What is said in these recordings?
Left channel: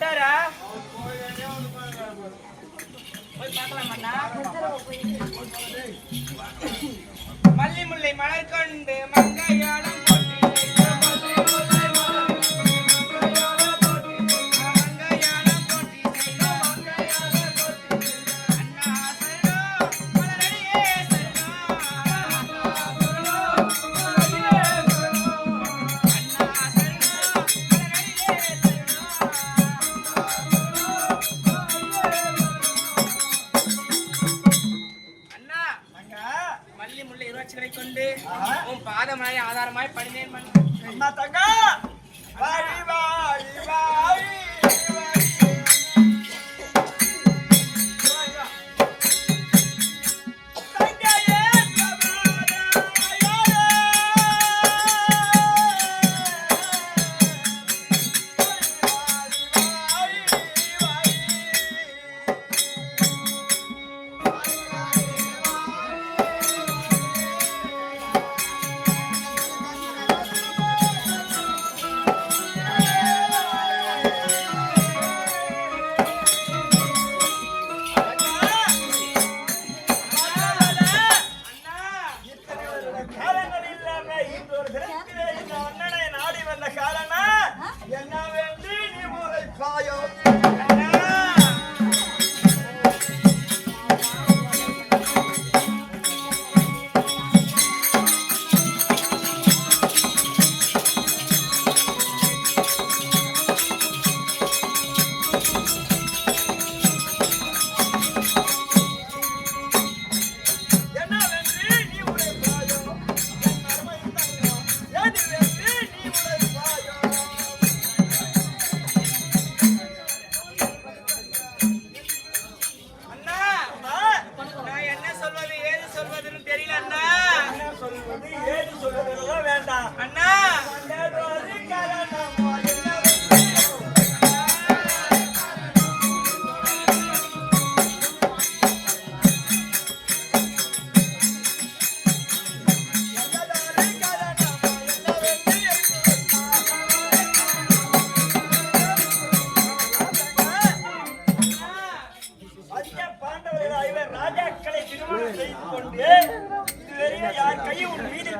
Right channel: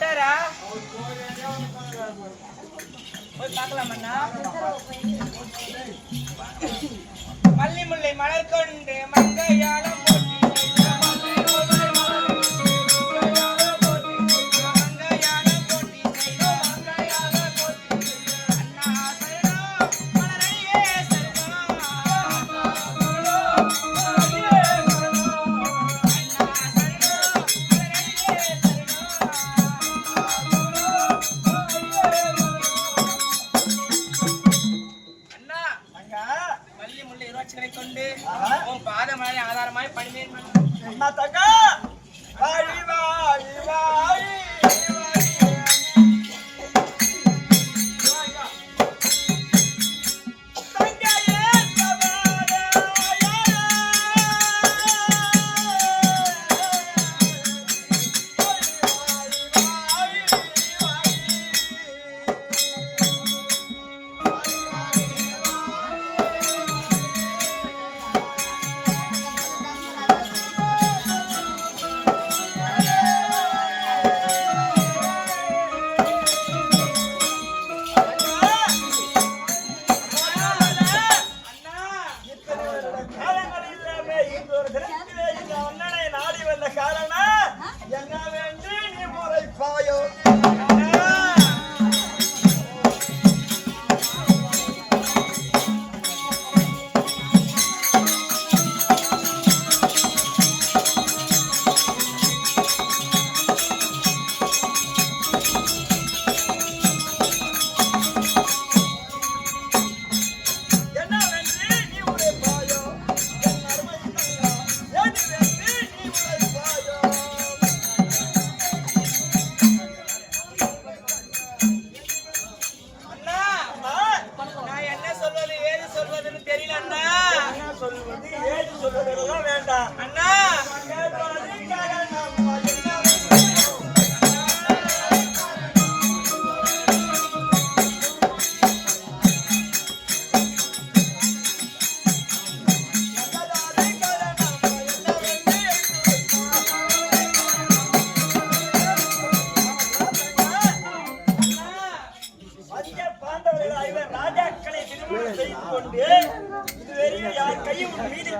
வந்துட்டாரா? போய் பார்க்கலாம் அண்ணா. மல்லி முல்லை மலர் கொண்டு மங்கையாளம் போட்டு கொண்டு உன் பாதமலை ஆதாரமாய் பணிந்தேன் அண்ணா தங்கா வாடி வாடி வாடி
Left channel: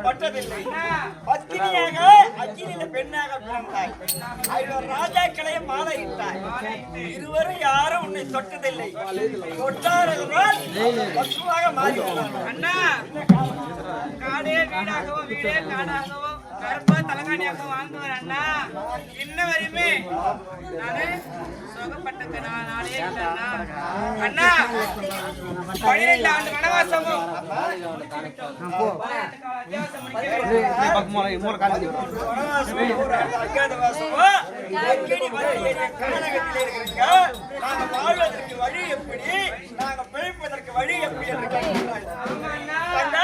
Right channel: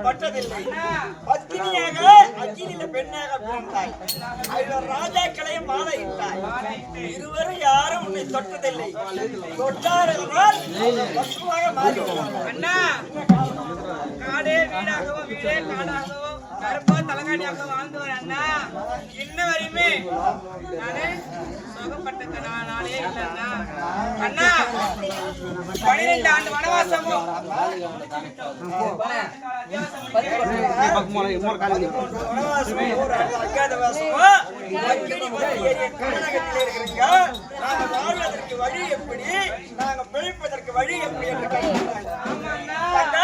பட்டதில்லை. பத்தினியாக அக்கினில பெண்ணாக பிறந்தாய். ராஜாக்களையும் மாலையிட்டாய். இருவரும் யாரும் உன்னை தொட்டதில்லை. தொட்டார்கள் பசுவாக மாறிவிடுவார்கள். அண்ணா காடே வீடாகவோ வீடே காடாகவோ கருப்பா தலகாணியாக வாழ்ந்தவர் அண்ணா. இன்ன வரையுமே நானே சுகப்பட்ட நாளே இல்லை அண்ணா. அண்ணா 12 ஆண்டு வனவாசமும் நாங்க வாழ்வதற்கு வழி எப்படி, நாங்க பிழைப்பதற்கு வழி எப்படி என்று கேட்கிறாங்க.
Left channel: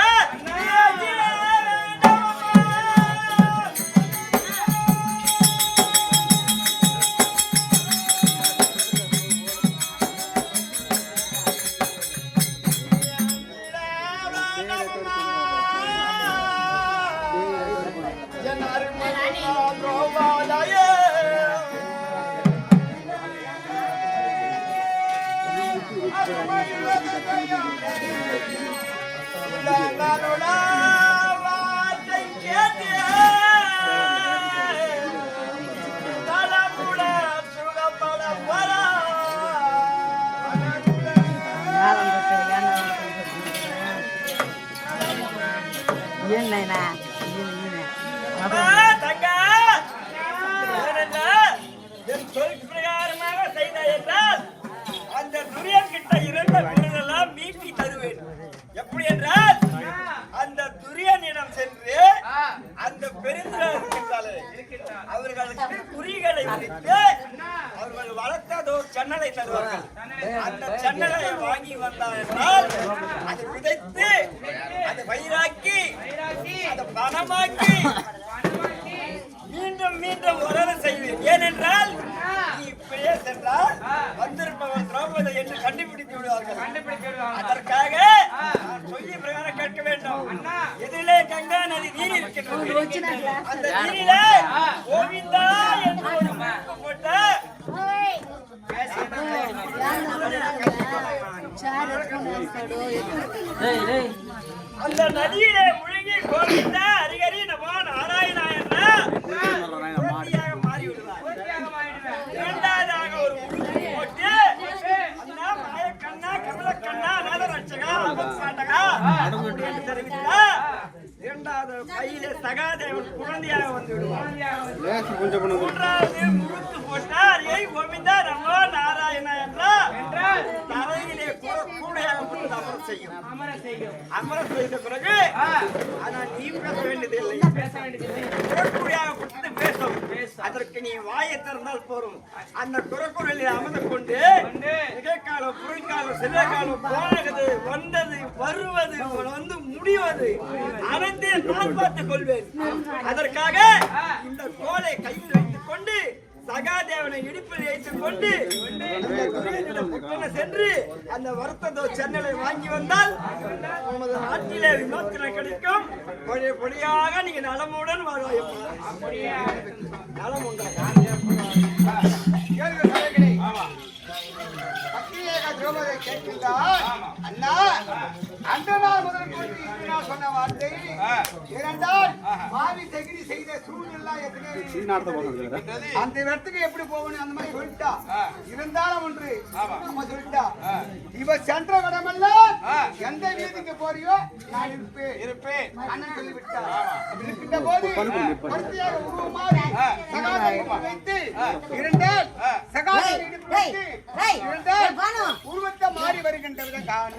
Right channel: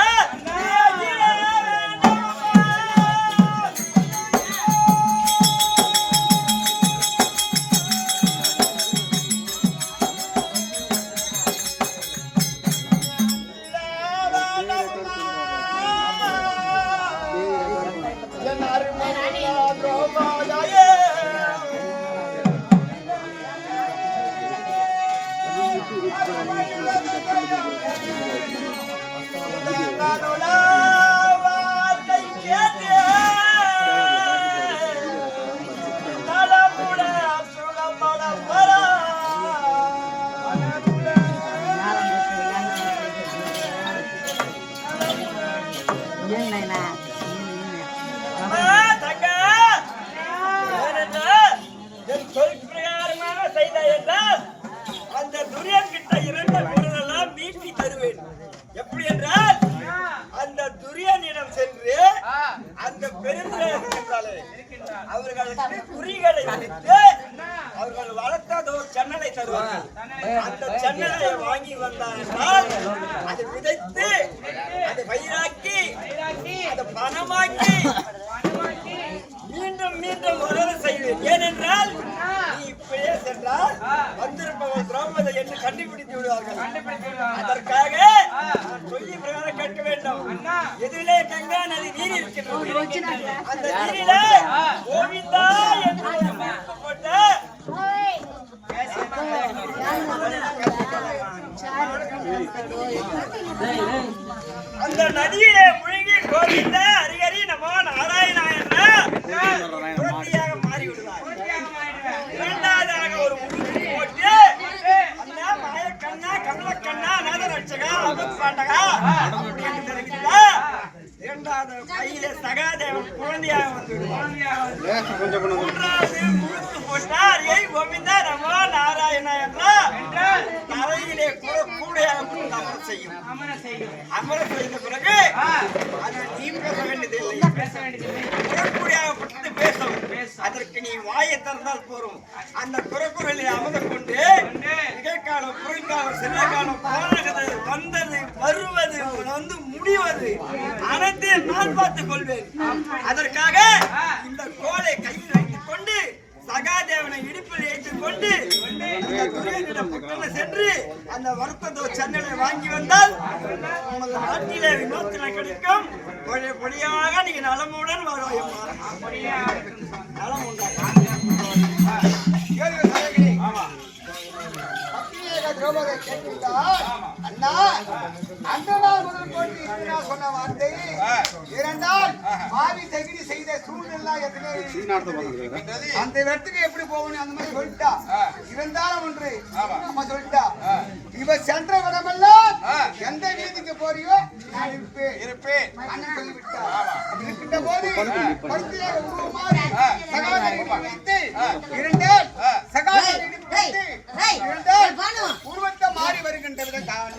எப்படி என்றால் அந்த துரியனிடம் சென்று அந்த பெருந்தாலே அவர்களுக்கு குறிகளை முடித்து அவர்கள் வளர்த்ததோ சென்னலை தருவார்கள். அந்த சென்னலை வாங்கி வந்தார் என்றால் அதை விதைத்து அதை பயிராக்கி அதை பணமாக்கி மீண்டும் மீண்டும் வளர செய்வேன். ஏனென்றால் நீ இப்படியே சென்றால் வந்திருப்பவர்கள் திரௌபதி என்று கண்டுபிடித்து விடுவார்கள். அதற்காக சொல்லி பிரகாரம் கேட்க வேண்டும். எதிரிலே கங்கா நதி நீர் இருக்கின்றது. அந்த நீரிலே கோவிந்தா என்று ஒரு முழுக்கு போட்ட செய்யும். அமர செய்த பிறகு ஆனால் நீ பேச வேண்டியதில்லை. குரக்குடியாகப்பட்டது பேசும். அதற்கு நீ வாயை திறந்தால் போரும். அந்த குரக்குரலில் அமர்ந்து கொண்டு நிகழ்காலம், புறக்காலம், சிறகாலம், போனது, வந்தது, வருவது, வந்து முடிவது அனைத்தையும் நான் பார்த்துக் கொள்வேன். அதற்காக இந்த கோலை கையில் வைத்துக் கொண்டு சகாதேவனை இடுப்பில் ஏற்றிக் கொண்டு அந்த துரியனிடம் புத்தனை சென்று அந்த வருத்தத்தை சென்னையை வாங்கி வந்தால் உமது நாட்டிலே விமோசனை கிடைக்கும். பொடியாக நீங்க நலமுடன் வாழ்வாயப்பா. நலம் உண்டாகும். திரௌபதியை கேட்கின்றார். அண்ணா, அந்த நாள் முதல் கொண்டு இன்று நான் சொன்ன வார்த்தை இரண்டால் மாவி தகிரி செய்த சூழ்நிலை அந்த இடத்துக்கு எப்படி போகணும் அந்த மாதிரி சொல்லிட்டா. இருந்தாலும் ஒன்று நம்ம சொல்லிட்டா, இவ சென்ற இடமெல்லாம் எந்த வீதிக்கு போறியோ நான் இருப்பேன் அண்ணன் சொல்லிவிட்டா. அப்படி இருக்கின்ற போது பொறுத்தியாக உருவம் மாறி சகாதரி வைத்து இரண்டால் சகாதரி இரண்டால் உருவத்தை மாறி வருகின்றது காண.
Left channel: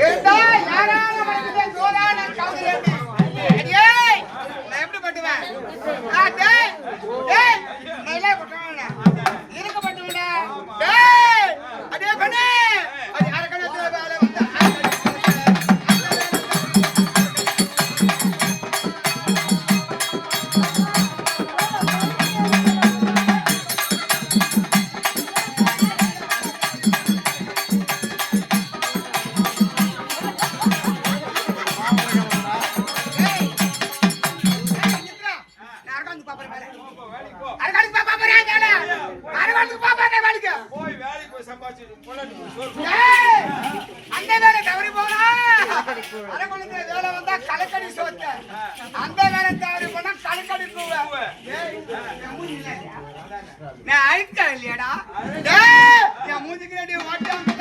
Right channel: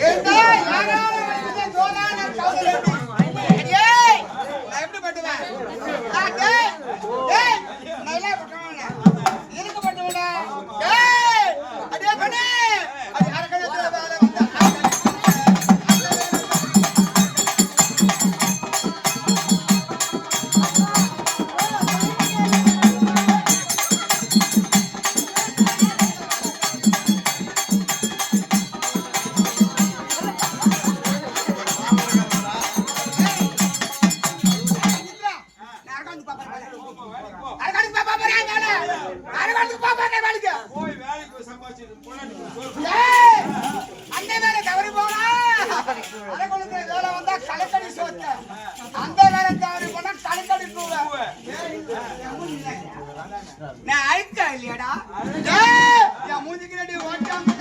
ஏண்டா யாரால வந்து கோலான கவுல ஏய் நான் எப்படி பண்ணுவேன் டேய் டேய் நைல பட்டவனா இருக்க பட்டவனா டேய் அதே பண்ணு அது அரக்கணத்துல வேற வந்து நான் அழுக்க இல்லையடா என் மூஞ்சிக்கு ரெண்டு வாட்டியாம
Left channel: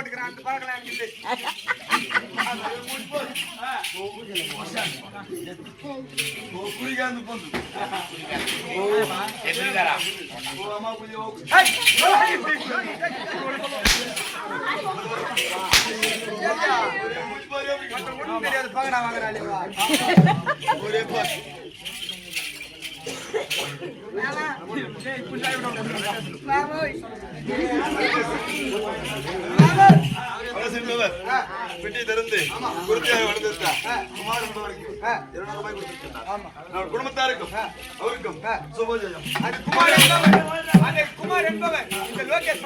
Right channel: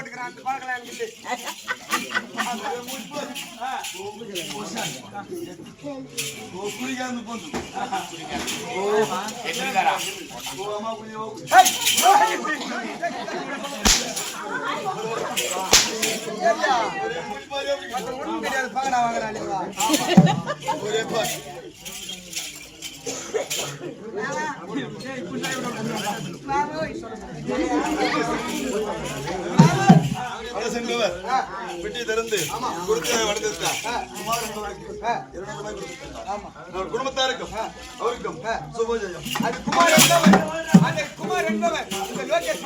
போட்டுக்கிறான் அந்த பழக்கம் எனக்கு இல்லை. ஒண்ணும் தெரியாது பகடா வாங்குறாளே வா. பெட்டி திறந்து குருத்தியாக வளர்ந்துட்டா குமார் என்பவருக்கு 200 ரூபாய் கொடுத்துட்டார். குடும்பத்தாருக்கும் அவருக்கும் சுபஜயம். அந்த குமார் என்பவர் இந்த லோகேஷ்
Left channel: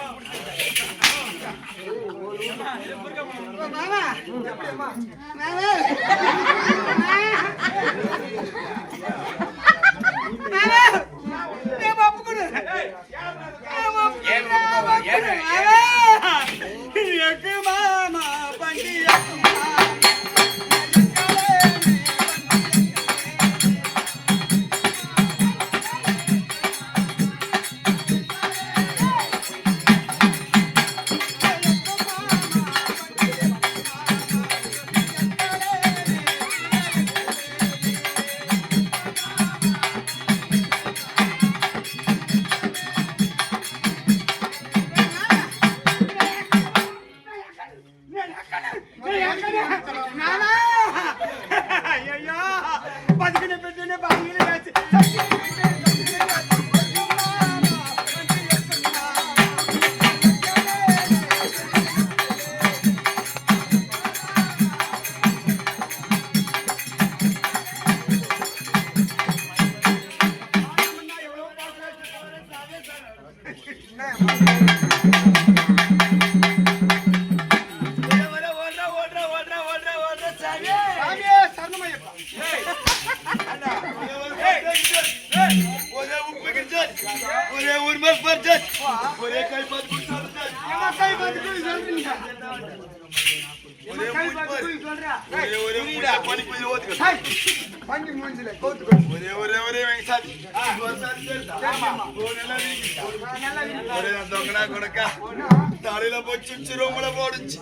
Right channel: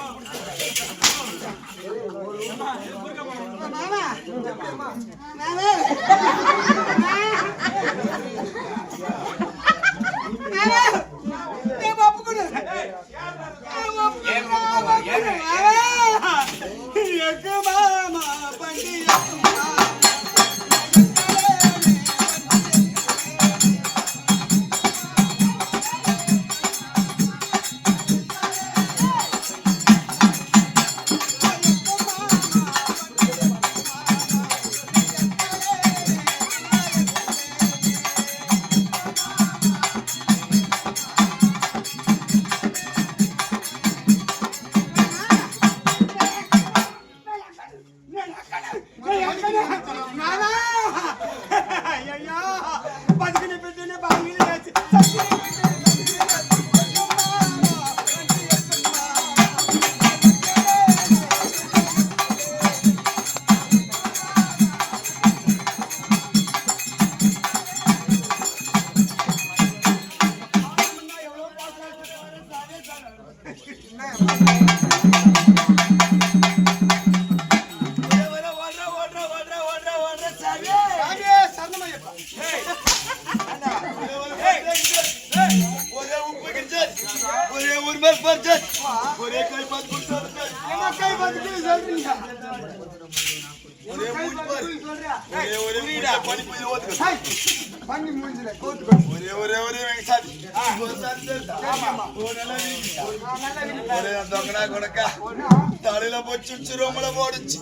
தலையில போச்சு ரூம்ல போடுச்சு.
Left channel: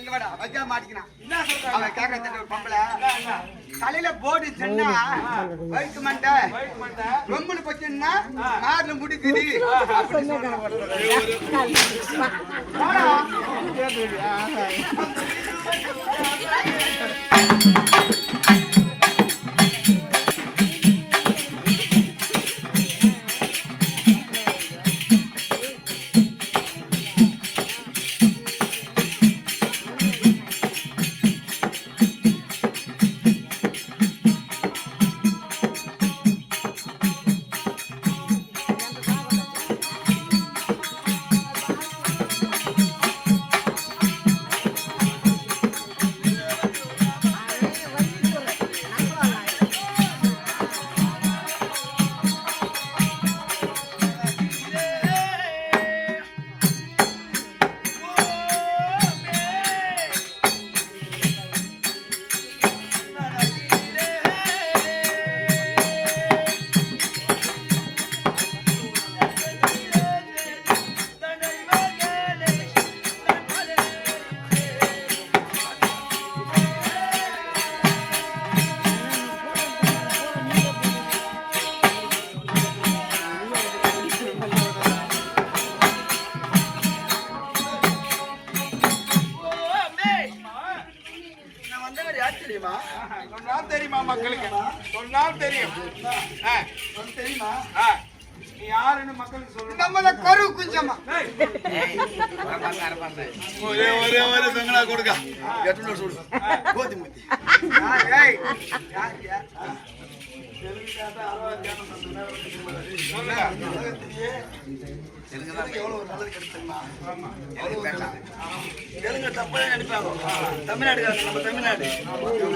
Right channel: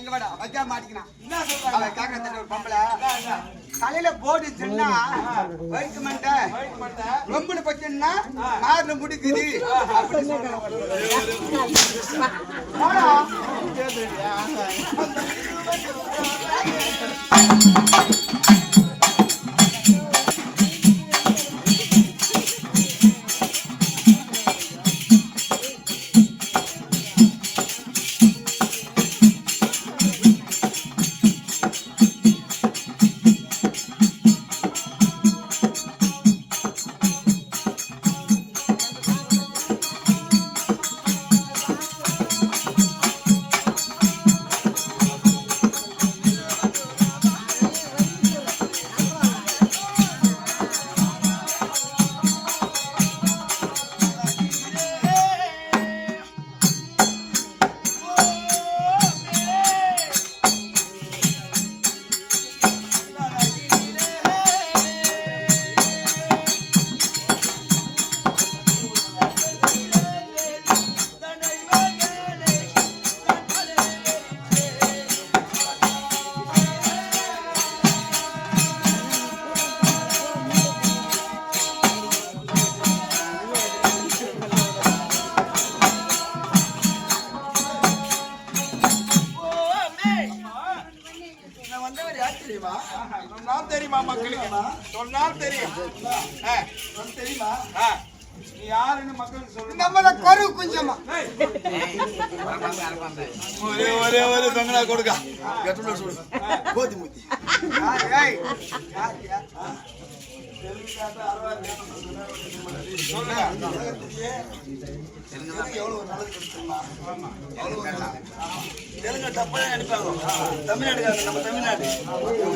இங்க வாடா வச்சா மாட்டிக்கினா அவன் கேக்குற பொம்பளை தலையில போடு சொன்னா வயிற்று மண்டை ரொம்பனு பச்சன்னா நார்ல முடிக்குது அப்படி தெரியுமா மக்களுக்கு சொன்னால் தெரியும். தெரியுமா நீ யாருன்னு மக்களுக்கு சொல்லு. நம்மள கரு குஞ்சமா ஒரே ஒரே ஒரே தொங்கலா கொடுக்க எட்டு சொல்லு கோதி மூத்தி தெலுங்கு தப்பா நினைப்பாங்க. தமிழ்நாடு நம்ம தமிழ்நாடு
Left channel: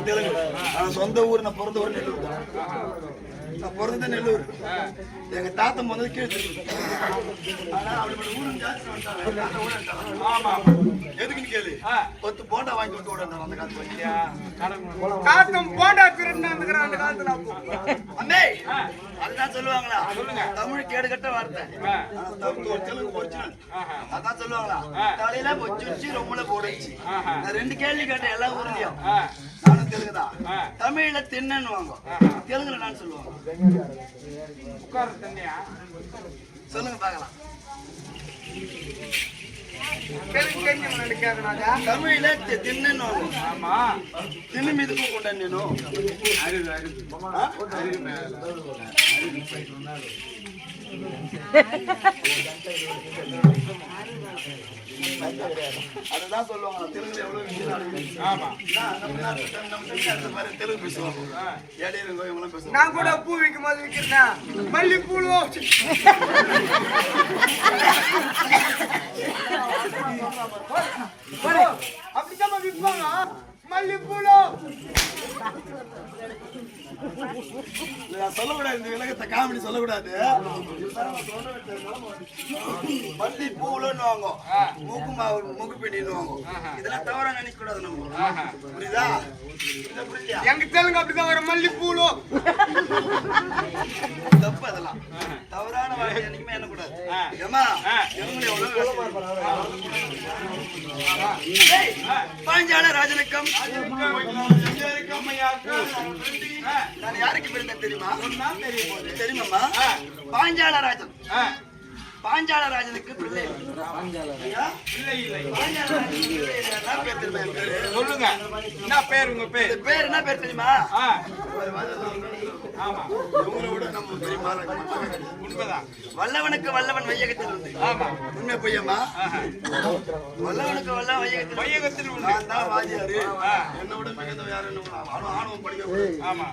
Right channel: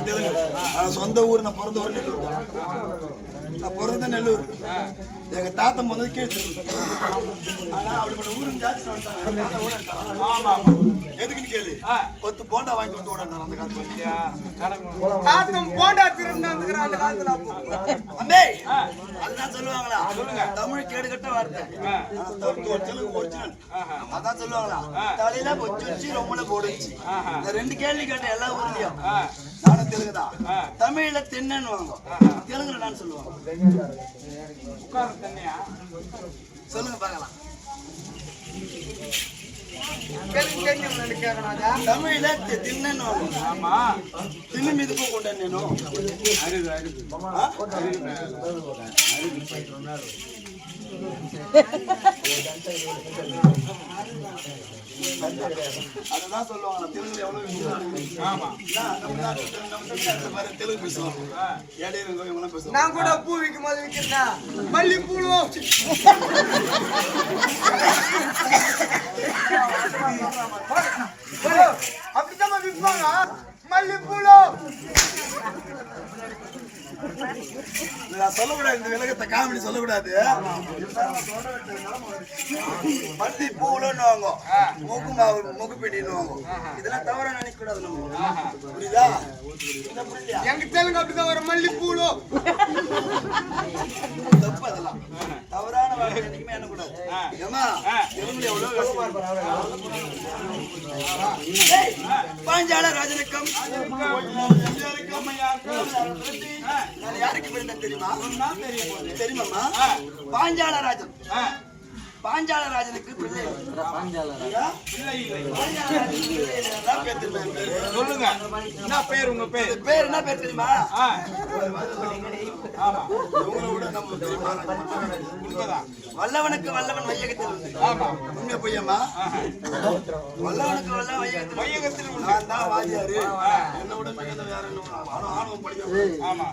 தெலுங்கு சொந்த ஊர் நான் பிறந்த ஊர் நான் பிறந்த நெல்லூர். எங்க தாத்தா முதல்ல கேட்டு எதுக்குன்னு கேளு. 10 போண்டா வாங்கி விட்டு ஓட அந்த காட்டும் போண்டா திருட்டு அந்த காலத்துல அம்மே அதுதான் சொல்லுவாங்களா? தமிழ் கேடுகட்ட வார்த்தை. அதான் சொல்லுவாங்களா? தலையில வச்சு ரொம்ப போடுச்சு. நான் 2 கேள்வி கேட்டேன் எல்லா ஊர்லயும். நானும் தெலுங்குதான். தமிழ்ல தின்னு வாங்க, தெலுங்குல நான் சொல்லுவாங்க. சொல்லுங்க பாக்கலாம். தமிழ்ல தின்னு தின்னு மீதுக்கும் கொண்ட நேனும் அதுதான் சொல்லுவாங்க. தெலுங்கு பேசுவாங்க. ஏழையருங்க இவங்களாம் பேசுவாங்க. நான் கூட பூ விற்கும் போது விற்கிறேன் மல்லி பூளும் அப்படித்தான் விற்பாங்க. மல்லி பூளும் சொல்லக்கூடாது. இந்த விலகத்தை காமெடி சொல்லக்கூடாது. மல்லி பூலுன்னு வாங்க, மூக்குப்பிடின்னு வாங்க. இதெல்லாம் தவறா நினைக்க கூடாது. புரியுதா? எங்க தெலுங்கு அப்படிதான் வரும். மல்லி பூளும் தப்பு. அதெல்லாம் தவறான வார்த்தை என்னைக்குமே எண்ணக்கூடாது. ஏமா பாஞ்சால ராஜனுக்கும் நான் யாருக்கு பிறந்தேன் தெரியுமா? தெரியுமாம்மா? பாஞ்சால ராஜன். பாஞ்சால ராஜனுக்கு பிள்ளை. சொல்லுங்க, என்ன பேர்? உங்க பேர் பேர் என்ன பேர் தெரியுமா? வல்லவனுக்கு வல்லவன் வையகத்தில் உண்டு. உண்மை பொய்யம்மா? வல்லவனுக்கு வல்லவன் வையகத்தில் உண்டு. நான் தான் வாதியாரு. என்னோட மிகுந்த வேற ஆணவம் படிக்க. ஆமா,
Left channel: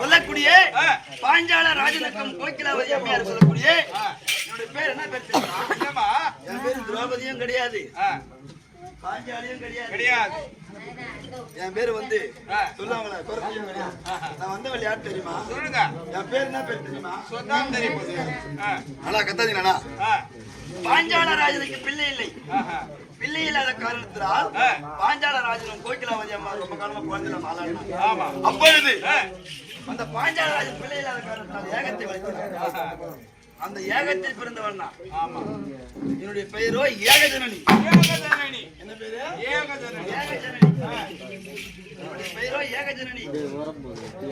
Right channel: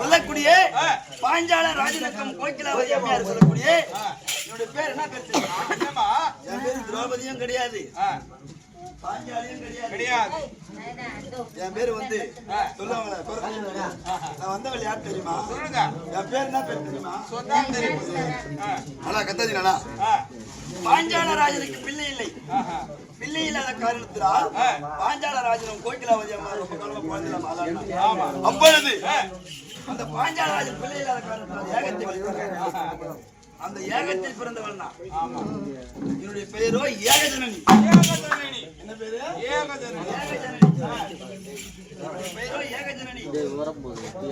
சொல்லக்கூடிய பாஞ்சால ராஜனுக்கும் கோகிலாவதி அம்மையார் சொல்லக்கூடிய என்னுடைய பேர் என்ன பேர் தெரியுமா? என் பேரு திரௌபதியும் கிடையாது, பாஞ்சாலியும் கிடையாது. என் பேரு வந்து சொல்லுவாங்களா? நான் வந்த விளையாட்டு தெரியுமா? சொல்லுங்க. என் பேர் என்ன பேர் தெரியுமா? சொதான் தெரியும். அண்ணா கத்தாதீங்கண்ணா. பாஞ்சால ராஜனுக்கு பிள்ளை இல்லை. பிள்ளை இல்லாத காரணத்தினால் பாஞ்சால ராஜனும் கோகிலாவதி அம்மா ரொம்ப காலமா குழந்தை. அப்பொழுது அந்த பாஞ்சால ராஜன் பிள்ளை இல்லாத காரணத்தினால் ஏகத்தை வளர்த்தார். அந்த ஏகத்தில் பிறந்தவன் தான். என்னுடைய பெயரோ ஏகஜனனி. என்ன பேரு? ஏகஜனனி. என்னுடைய பெயரோ ஏகஜனனி.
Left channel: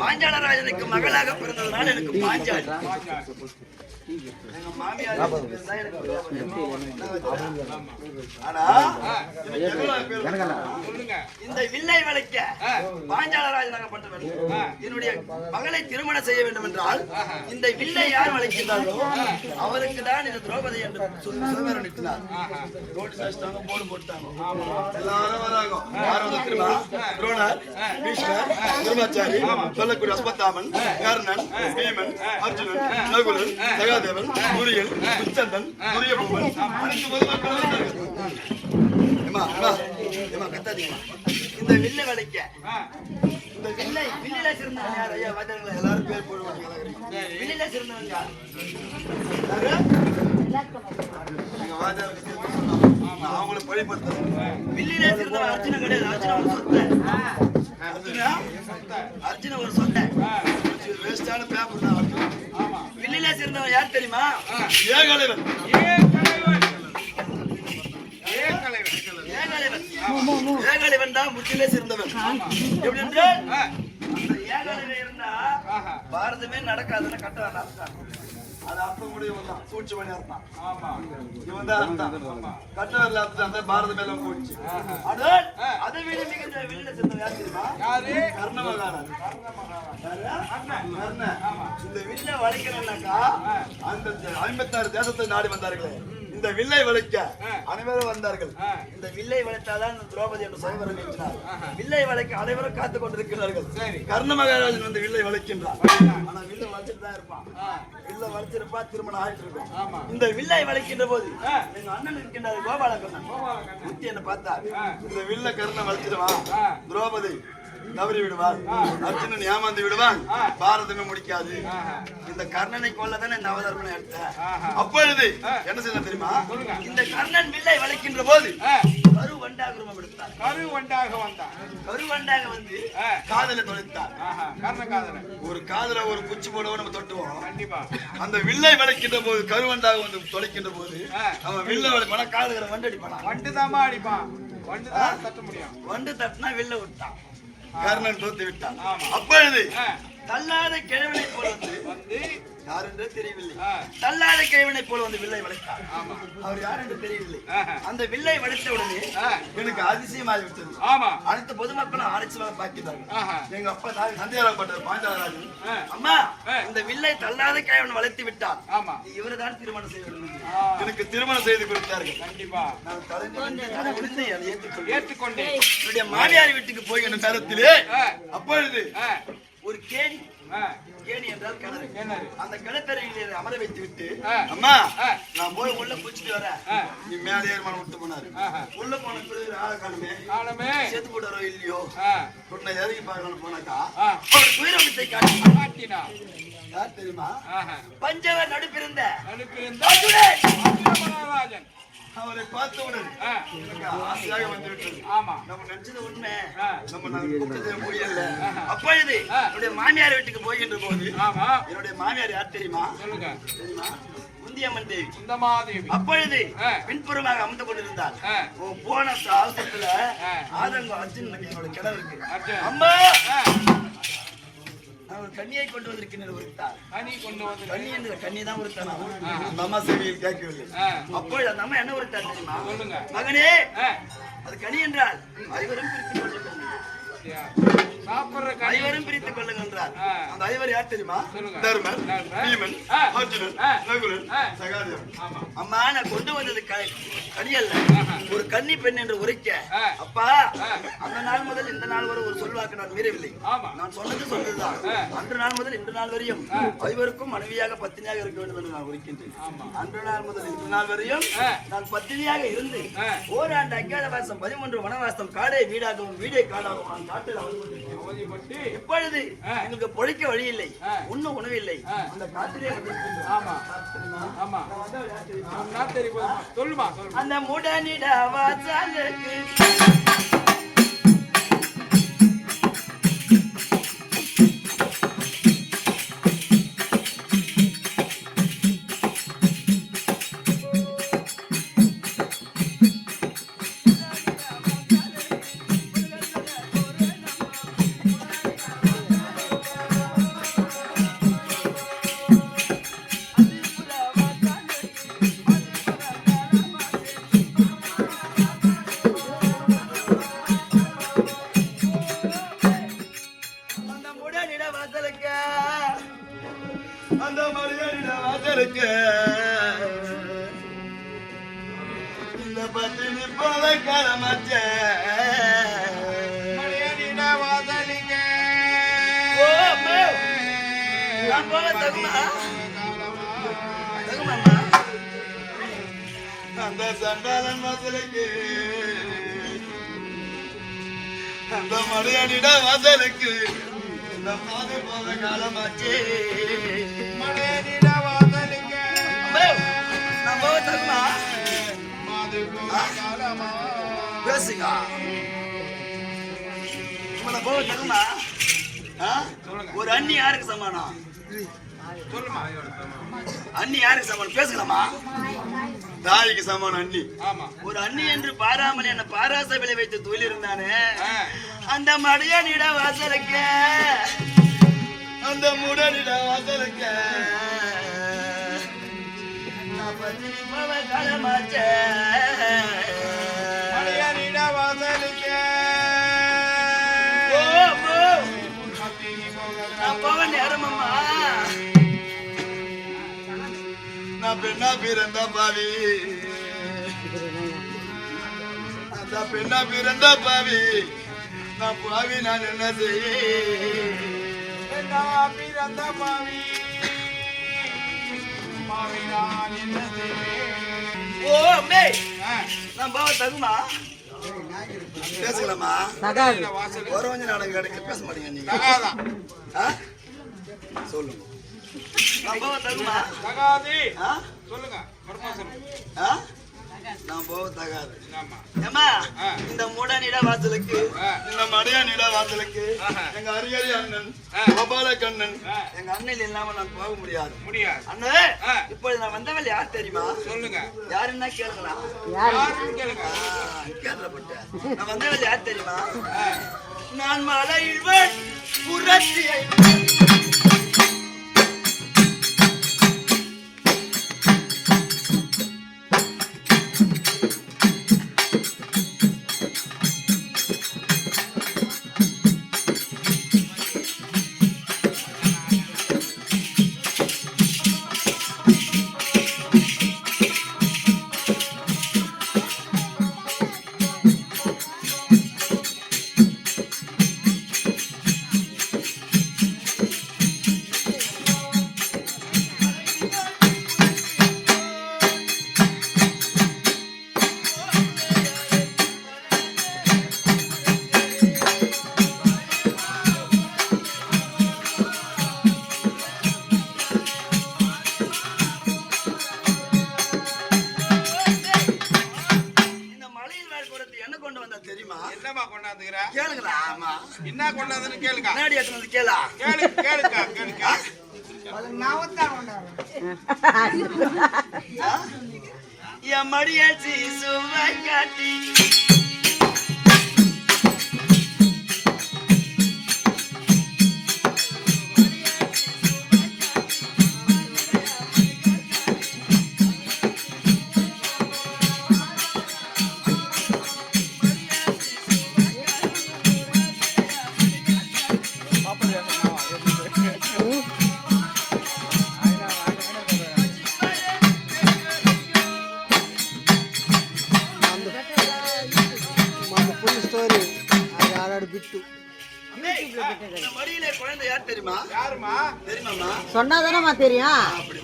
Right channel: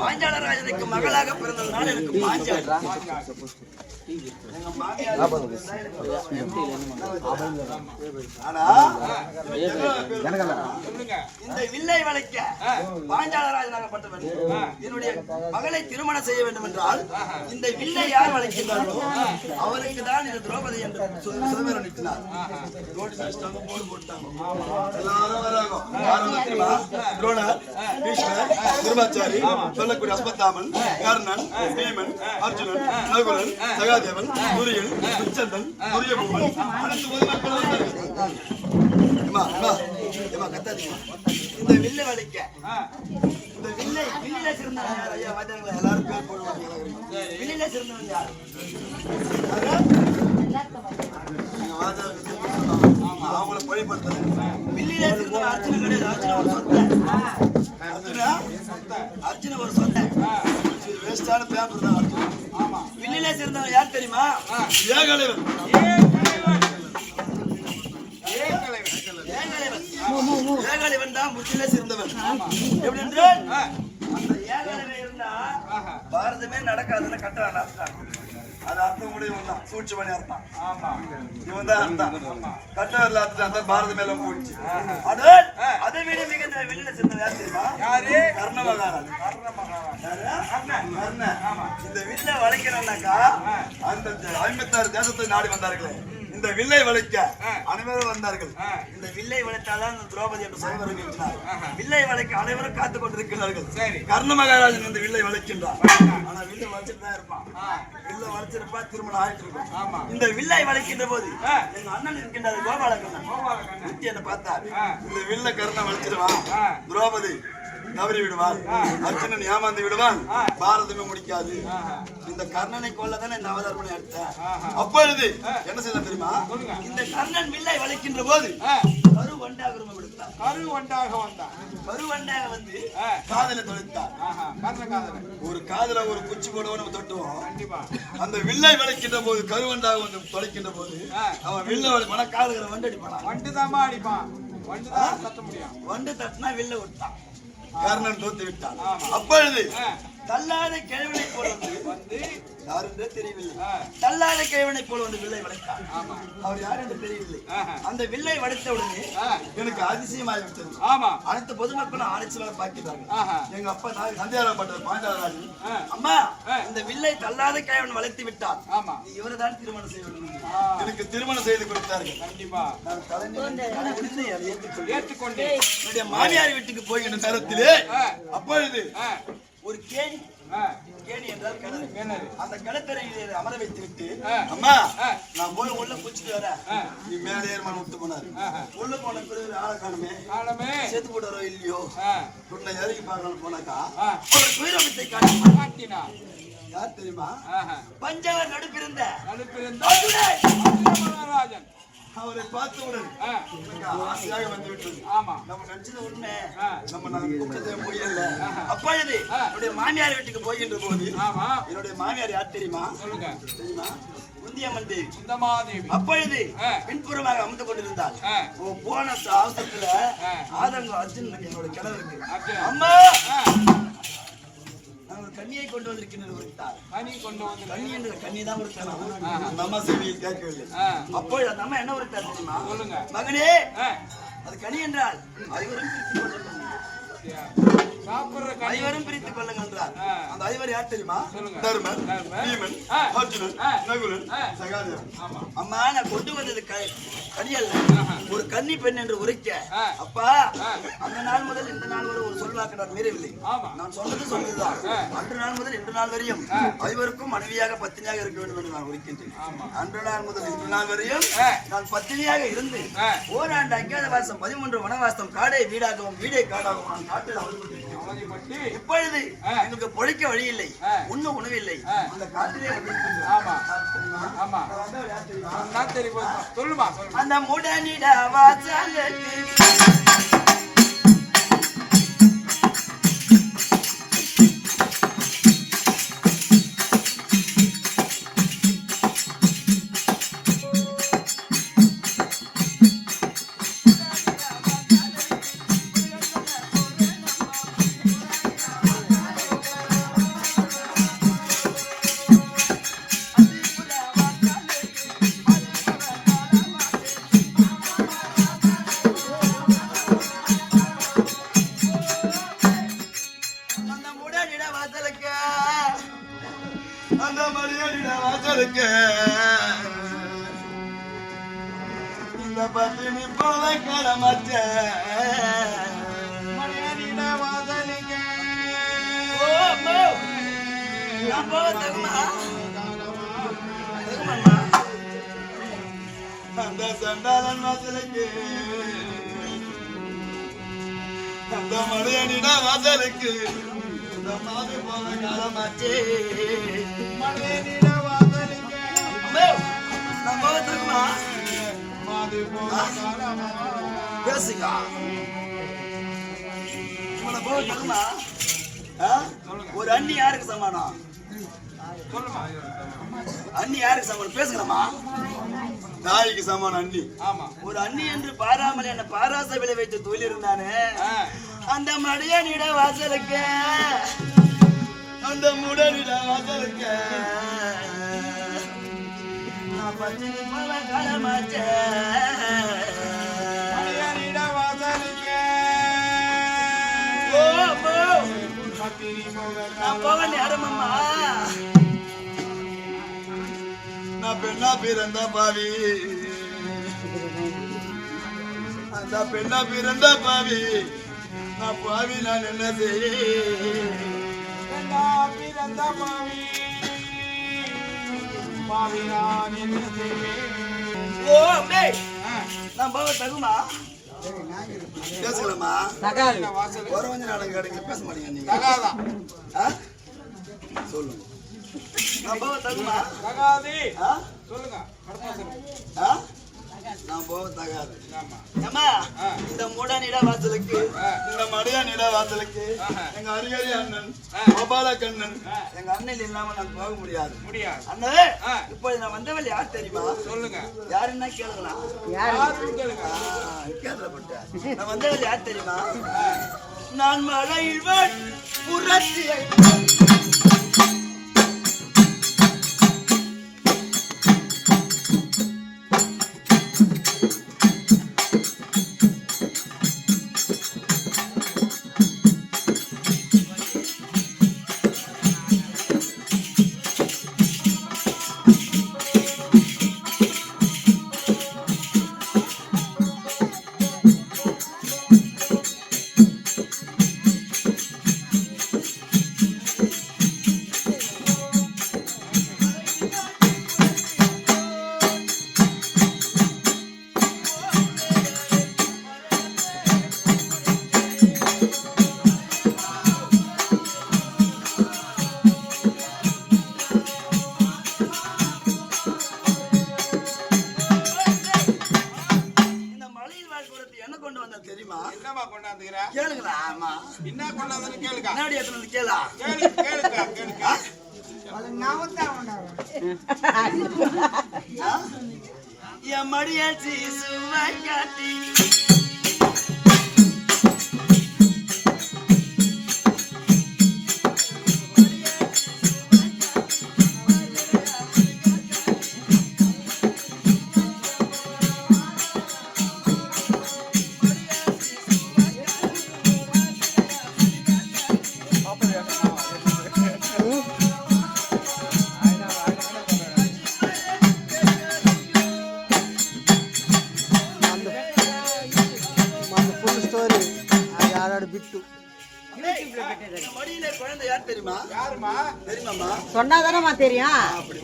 பாஞ்சால ராஜனுக்கு மகளாக பிறந்ததுனால எனக்கு பாஞ்சாலி. எங்க மாமியார் ஆனா இந்த வில்லை வளைக்க பாஞ்சால ராஜனாகப்பட்டவன் என்னுடைய மகளை திருமணம் செய்ய வேண்டும் என்றால் இந்த வில்லை யார் வளைக்கின்றார்களோ அவருக்கு தான் இந்த திரௌபதி என்று சுதந்திரம் நிறுத்தினார். போடு போட்டாங்க. எல்லாரும் வர்றாங்க. துரோணர், பீஷ்மர், குருமாச்சாரி, சொல்லக்கூடிய அஸ்வத்தாமன், கர்ணன், பீமன், அர்ஜுனன், நகுலன், சகாதேவன், துரியன், துச்சந்தன், துரியபூமன், இந்த வில்லை வளைக்க இந்த வில்லில சிறந்தவன் யார்? ஐயா வாத்தியார்களா எல்லாரும் பேர் போடுவாங்க. வில்லில சிறந்தவன் யார்? அவங்கள பழிப்படுத்த வில்லில சிறந்தவன் அர்ஜுனன் கிடையாது. அர்ஜுனன் ஒரு சொத்தை. அர்ஜுனன் ஒரு சொத்தை. வேஸ்டான பேப்பர் தான் அர்ஜுனன். வில்லில சிறந்தவன் யார் தெரியுமா? ஏகலைவன். ஏகலைவன் தான் முற்றிலே சிறந்தவன். எப்படி என்றால் ஏகலைவன் இருந்தா பாரதமே நடக்காதுன்னு கட்டுறான். அது அர்த்தம் முடியும் தான். சூழ்ச்சி அர்த்தம். இவன் தான் அர்த்தம். கட்டவரில் அர்த்தம் பாரத மேல போயிடுச்சு. அதை விட மிகுந்த வெளியில சிறந்தவன் யார் தெரியுமா? கர்ண மகாராஜ். இந்த வில்ல வளைக்கிறோம்னாக்கா அந்த 56 தேசத்தை நாடி வந்தார்களே இந்த இந்த வில்லை வளைக்க அனைவரும் வந்தார்கள். இந்த வில்லை வளைத்தாதான் இந்த திரௌபதி என்று சொல்வர்கள் என்றார். வில்லை வளைக்க அனைவரும் காத்துக் கொண்டிருக்கிறார்கள். கர்ண மகாராஜன் வந்து வில்லை வளைக்கின்றார். ஆனா வில்லை வளைச்சிட்டு தான் இருப்பான். வில்லை வளைச்சிருப்பா திருமணம் ஆயிட்டு இருக்கும். இந்த வில்லை வளைக்கின்ற போது எங்க அண்ணன் இருக்கின்றார் கோபாலகண்ணன். என்ன பார்த்தார், இந்த வில்லை கர்ணன் வளைச்சிடுவான், திரௌபதி தவறி விடுவாள், அர்ஜுனன் ஏமாந்து விடுவான், பாரதமே முடிக்காது. இந்த கர்ணனை கொல்லதானே இந்த அவதாரமனை எடுத்தேன். அப்பொழுது என்ன செய்ய தெரியுமா, இந்த கர்ணன் வில்லை வளைக்கின்ற போது கருவண்டாக ரூபம் எடுத்தார். கருவண்டாக வந்து காதலை தொலைத்தார். ஒரு காதல ஒரு குச்சி போடுவோம் நம்ம தொட்டுவோம். அந்த வில்லை வளைக்கின்ற போது கருவண்டாக வந்து தொலைக்கின்ற போது அவன் வில்லை வளைப்பான காதல வண்டு அடிப்பான். வண்டு தட்டினா வில்லை விட்டான். கர்ணன் தோத்து விட்டான். அப்பொழுது தள்ளாத கிழவனை போல வந்து யார் என்றே தெரியவில்லை. தள்ளாத கிழவனை போல வந்து வில்லை வளைத்தார். அவர் யார் என்று தெரியவில்லை. அந்த வில்லை வளைத்த உடனே எனக்கு அதிசயமாகிவிட்டது. அனைத்து பொதுமக்களும் ஆராய்ச்சியாக பார்க்கிறார்கள். எங்க அப்பா சந்தியாரப்பட்ட பாஞ்சாலராஜன், அம்மா இந்த வில்லை தள்ளாத கிழவன் வளைத்து விட்டார், இவரைதான் திருமணம் செய்ய வேண்டும். எனக்கு திருமணம் செய்து கொடுத்தார்கள். கண்டிப்பா நான் தலை முடிந்து அதை ஏற்றுக்கொண்டேன். என்னுடைய மாமியார் வீட்டுக்கு போகின்ற நேரத்திலே அப்பொழுது ஒரு கேணி, கேணி என்றால் கிணறு, அந்த கிணத்தரையில் அமர வைத்து விட்டு, அம்மா நான் போய் உள்ள குளிச்சுட்டு வரேன், நீ மேலே ஏறுமான விட்டு போனாரு. உள்ள போன ஆளமே சேர்த்து போட்டாரோ இல்லையோ உன்னை எதுக்கு பார்க்கணும் போனாக்கா ஒரு துயரத்தை காட்டினா. யார் தெரியுமா, பஞ்சவர் நடுப்பிருந்த மகாராஜன். அவரை பார்த்தவுடன் ஆசையாக வந்து விட்டது. நம்ம நினைச்சது உண்மை, நம்ம கூப்பிட்டதே முடியல. அப்பொழுது என்னுடைய மாமியார் வீட்டுக்கு போகின்ற போது என்னுடைய மாமியார் யார் தெரியுமா, தெரியுமா, குந்தியம்மன் தேவி. அப்பொழுது பின்புறமாக அமர்ந்து கொண்டிருந்தார். போன அவசரத்துல ஆதங்கம் அர்ஜுன் என்னோட கிணறுக்கு, அம்மா கண்ணியை கொண்டு வந்திருக்கிறார். கண்ணி என்று கண்ணி தான் உறுத்தானா, அந்த அம்மா செவியில் கேட்கவில்லை. அப்பொழுது அந்த அம்மா என்ன உறுத்தார் தெரியுமா, மகனே அது கனி என்றால் ஐவரும் பிரித்துக் கொள்ளுங்கள் என்றார். அந்த ஐவர் யார் தெரியுமா, தர்மன், பீமன், அர்ஜுனன், நகுலன், சகாதேவன். அம்மா நான் கொண்டு வந்தது கனி அல்ல, ஒரு கன்னி பெண் என்று உரைக்க. அப்பா அந்த நாள் முதல் இந்த நாள் வரை ஒரு சொல்வாக்கு நான் மீறவில்லை. நான் சொன்னதுதான். அன்று நாள் முதல் இன்று நாள் வரையும் ஐவருக்கும் மனைவியாக பத்தினியாக இருக்க வேண்டும் என்று நான் உரைக்கின்றேன். அன்று நாள் முதல் இன்று நாள் வரையும் நான் பத்தினியாக இருந்து ஓராண்டு அஞ்ஞாத வாசம் 13 வனவாசம் காடை வீடாகவும் வீடை காடாகவும் இப்பொழுது எங்களுக்கு பொழைக்க வழி இல்லை, உண்ணும் உணவில்லை. அந்த காட்டிலே சொல்லுமா, அந்த முடனிட வாசலுக்கு அந்த மரியாதை வாசலுக்கு இந்த பத்தினி போல கடமச்ச அந்த சந்தானன் வாசலுக்கு அந்த மரியாதை வாசலுக்கு மாதிரி போல காலமாச்சு. பேசுங்க ஒரு அண்ணி யாருக்கு சமானம், அண்ணி யாருக்கு சமானம் பேசுங்களாமா, தாய்க்கு சமானம் அண்ணி. ஒரு அண்ணி என்று பாராமல் என்ன பாராச விளை வைத்து தொழில் இருந்தானே அந்த மடியனிட வாசலுக்கு அந்த முடனிட வாசலுக்கு மடியனிட வாசலுக்கு போக நேரமம்மா நான் பெண்ணா பிறந்த பாவி அந்த பெண்ணா பிறந்த பாவி நான் பாவி நான் என்ன செய்ய பிறந்த பாவி பாவி நான் என்ன செய்வேன்? ஓ அம்மே நான் பாவ தகுமா பேசலாமா ஒரு கொஞ்சம் நாடகம் கிடைக்கல பேச மாட்டீங்க நீங்க ஆ? சொல்லுங்க நான் பாவ தகுமா ஆ? சொல்லுங்க ஆ? நான் போக தகாது ஏமா இந்த மூடனிட வாசலுக்கு இந்த மடையானிட வாசலுக்கு எங்க அரியரி அண்ணன் கோபால கண்ணன் எங்க அண்ணன் இல்லாம நான் போக முடியாது அண்ணே இப்பொழுது நான் வந்தவள் யார் தெரியுமா சொல்லுங்க யாருன்னா கேளுங்களா கேள்விப்பட்டேன் நான் வந்தவள் யார் தெரியுமா நான் மலையில் புரட்சியை தெரியுமா என்னமா கொண்டாந்துக்கிற கேளுங்களா ஆமா என்ன கொண்டாந்துன்னு கேளுங்க முன்னாடி எடுத்து கேளா கேளுங்க என் மடியாச்சி சுவை காட்டி மடியிலே குழந்தை யார் தெரியுமா யாருமா தெரியுமாமா சொன்னாதானமா தெரியும் அப்படி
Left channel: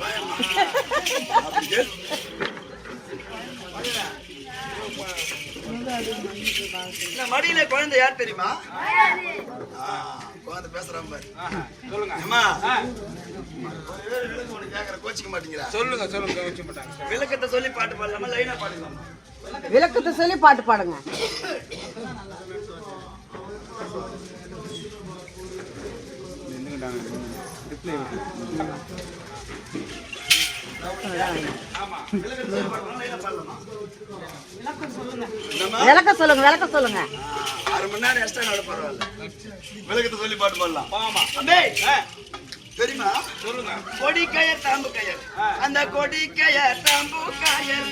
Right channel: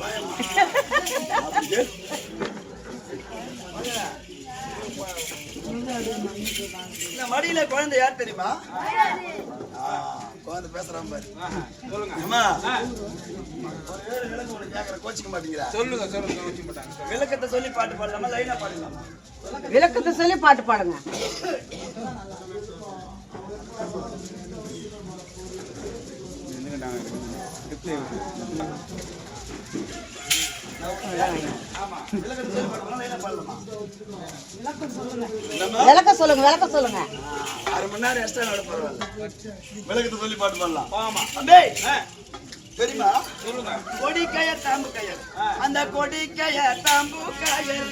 இந்த மடியிலே குழந்தை யார் தெரியுமா குழந்தை பேசுறான் பாரு சொல்லுங்க அம்மா கேக்குற கோச்சிக்க மாட்டீங்களா சொல்லுங்க வச்சு மாட்டாங்க விளக்கத்தை சொல்லி பாட்டு பாடலாமா லைனா பாடலாம் விளக்கத்தை சொல்லி பாட்டு பாடுங்க விளக்க சொல்லுங்க 6 மணி நேரம் எக்ஸ்ட்ரா நட பரவாயில்ல விளக்கத்தை சொல்லி பாட்டு பாடலாம் ஆமா தெரியுமா சொல்லுங்க கொடி கயர் தாம்பு கயர் அந்த கொடி கயர் தாம்பு கயர்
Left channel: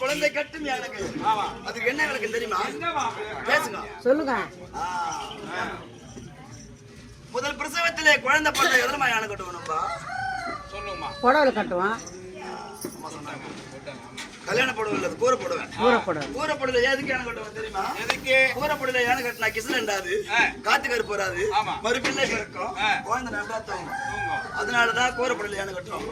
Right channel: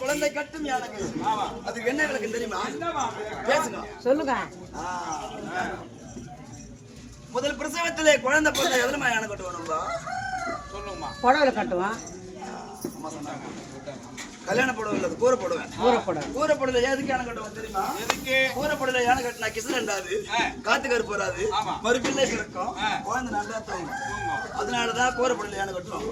குழந்தை கட்டும் யானை அதுக்கு என்ன விளக்கம் தெரியுமா பேசுங்க சொல்லுங்க முதல் பிரசவத்திலே குழந்தை பிறந்த எதனமா யானை கட்டுவோம் சொல்லுங்கம்மா புடவை கட்டுவோம் கல்யாண புடவை இல்ல கூரை போடுவேன் கூரை புடவை எதுக்கு யானை கட்டுவோம் தெரியுமா எதுக்கு கூரை புடவை யானை கட்டினா கிசு ரெண்டாது காத்து கருப்பு வராது மறுபிள்ளை பிறக்கும் குழந்தை நல்லா தூங்கும் அதனாலதான் கூரை புடவை யானை கட்டுறோம்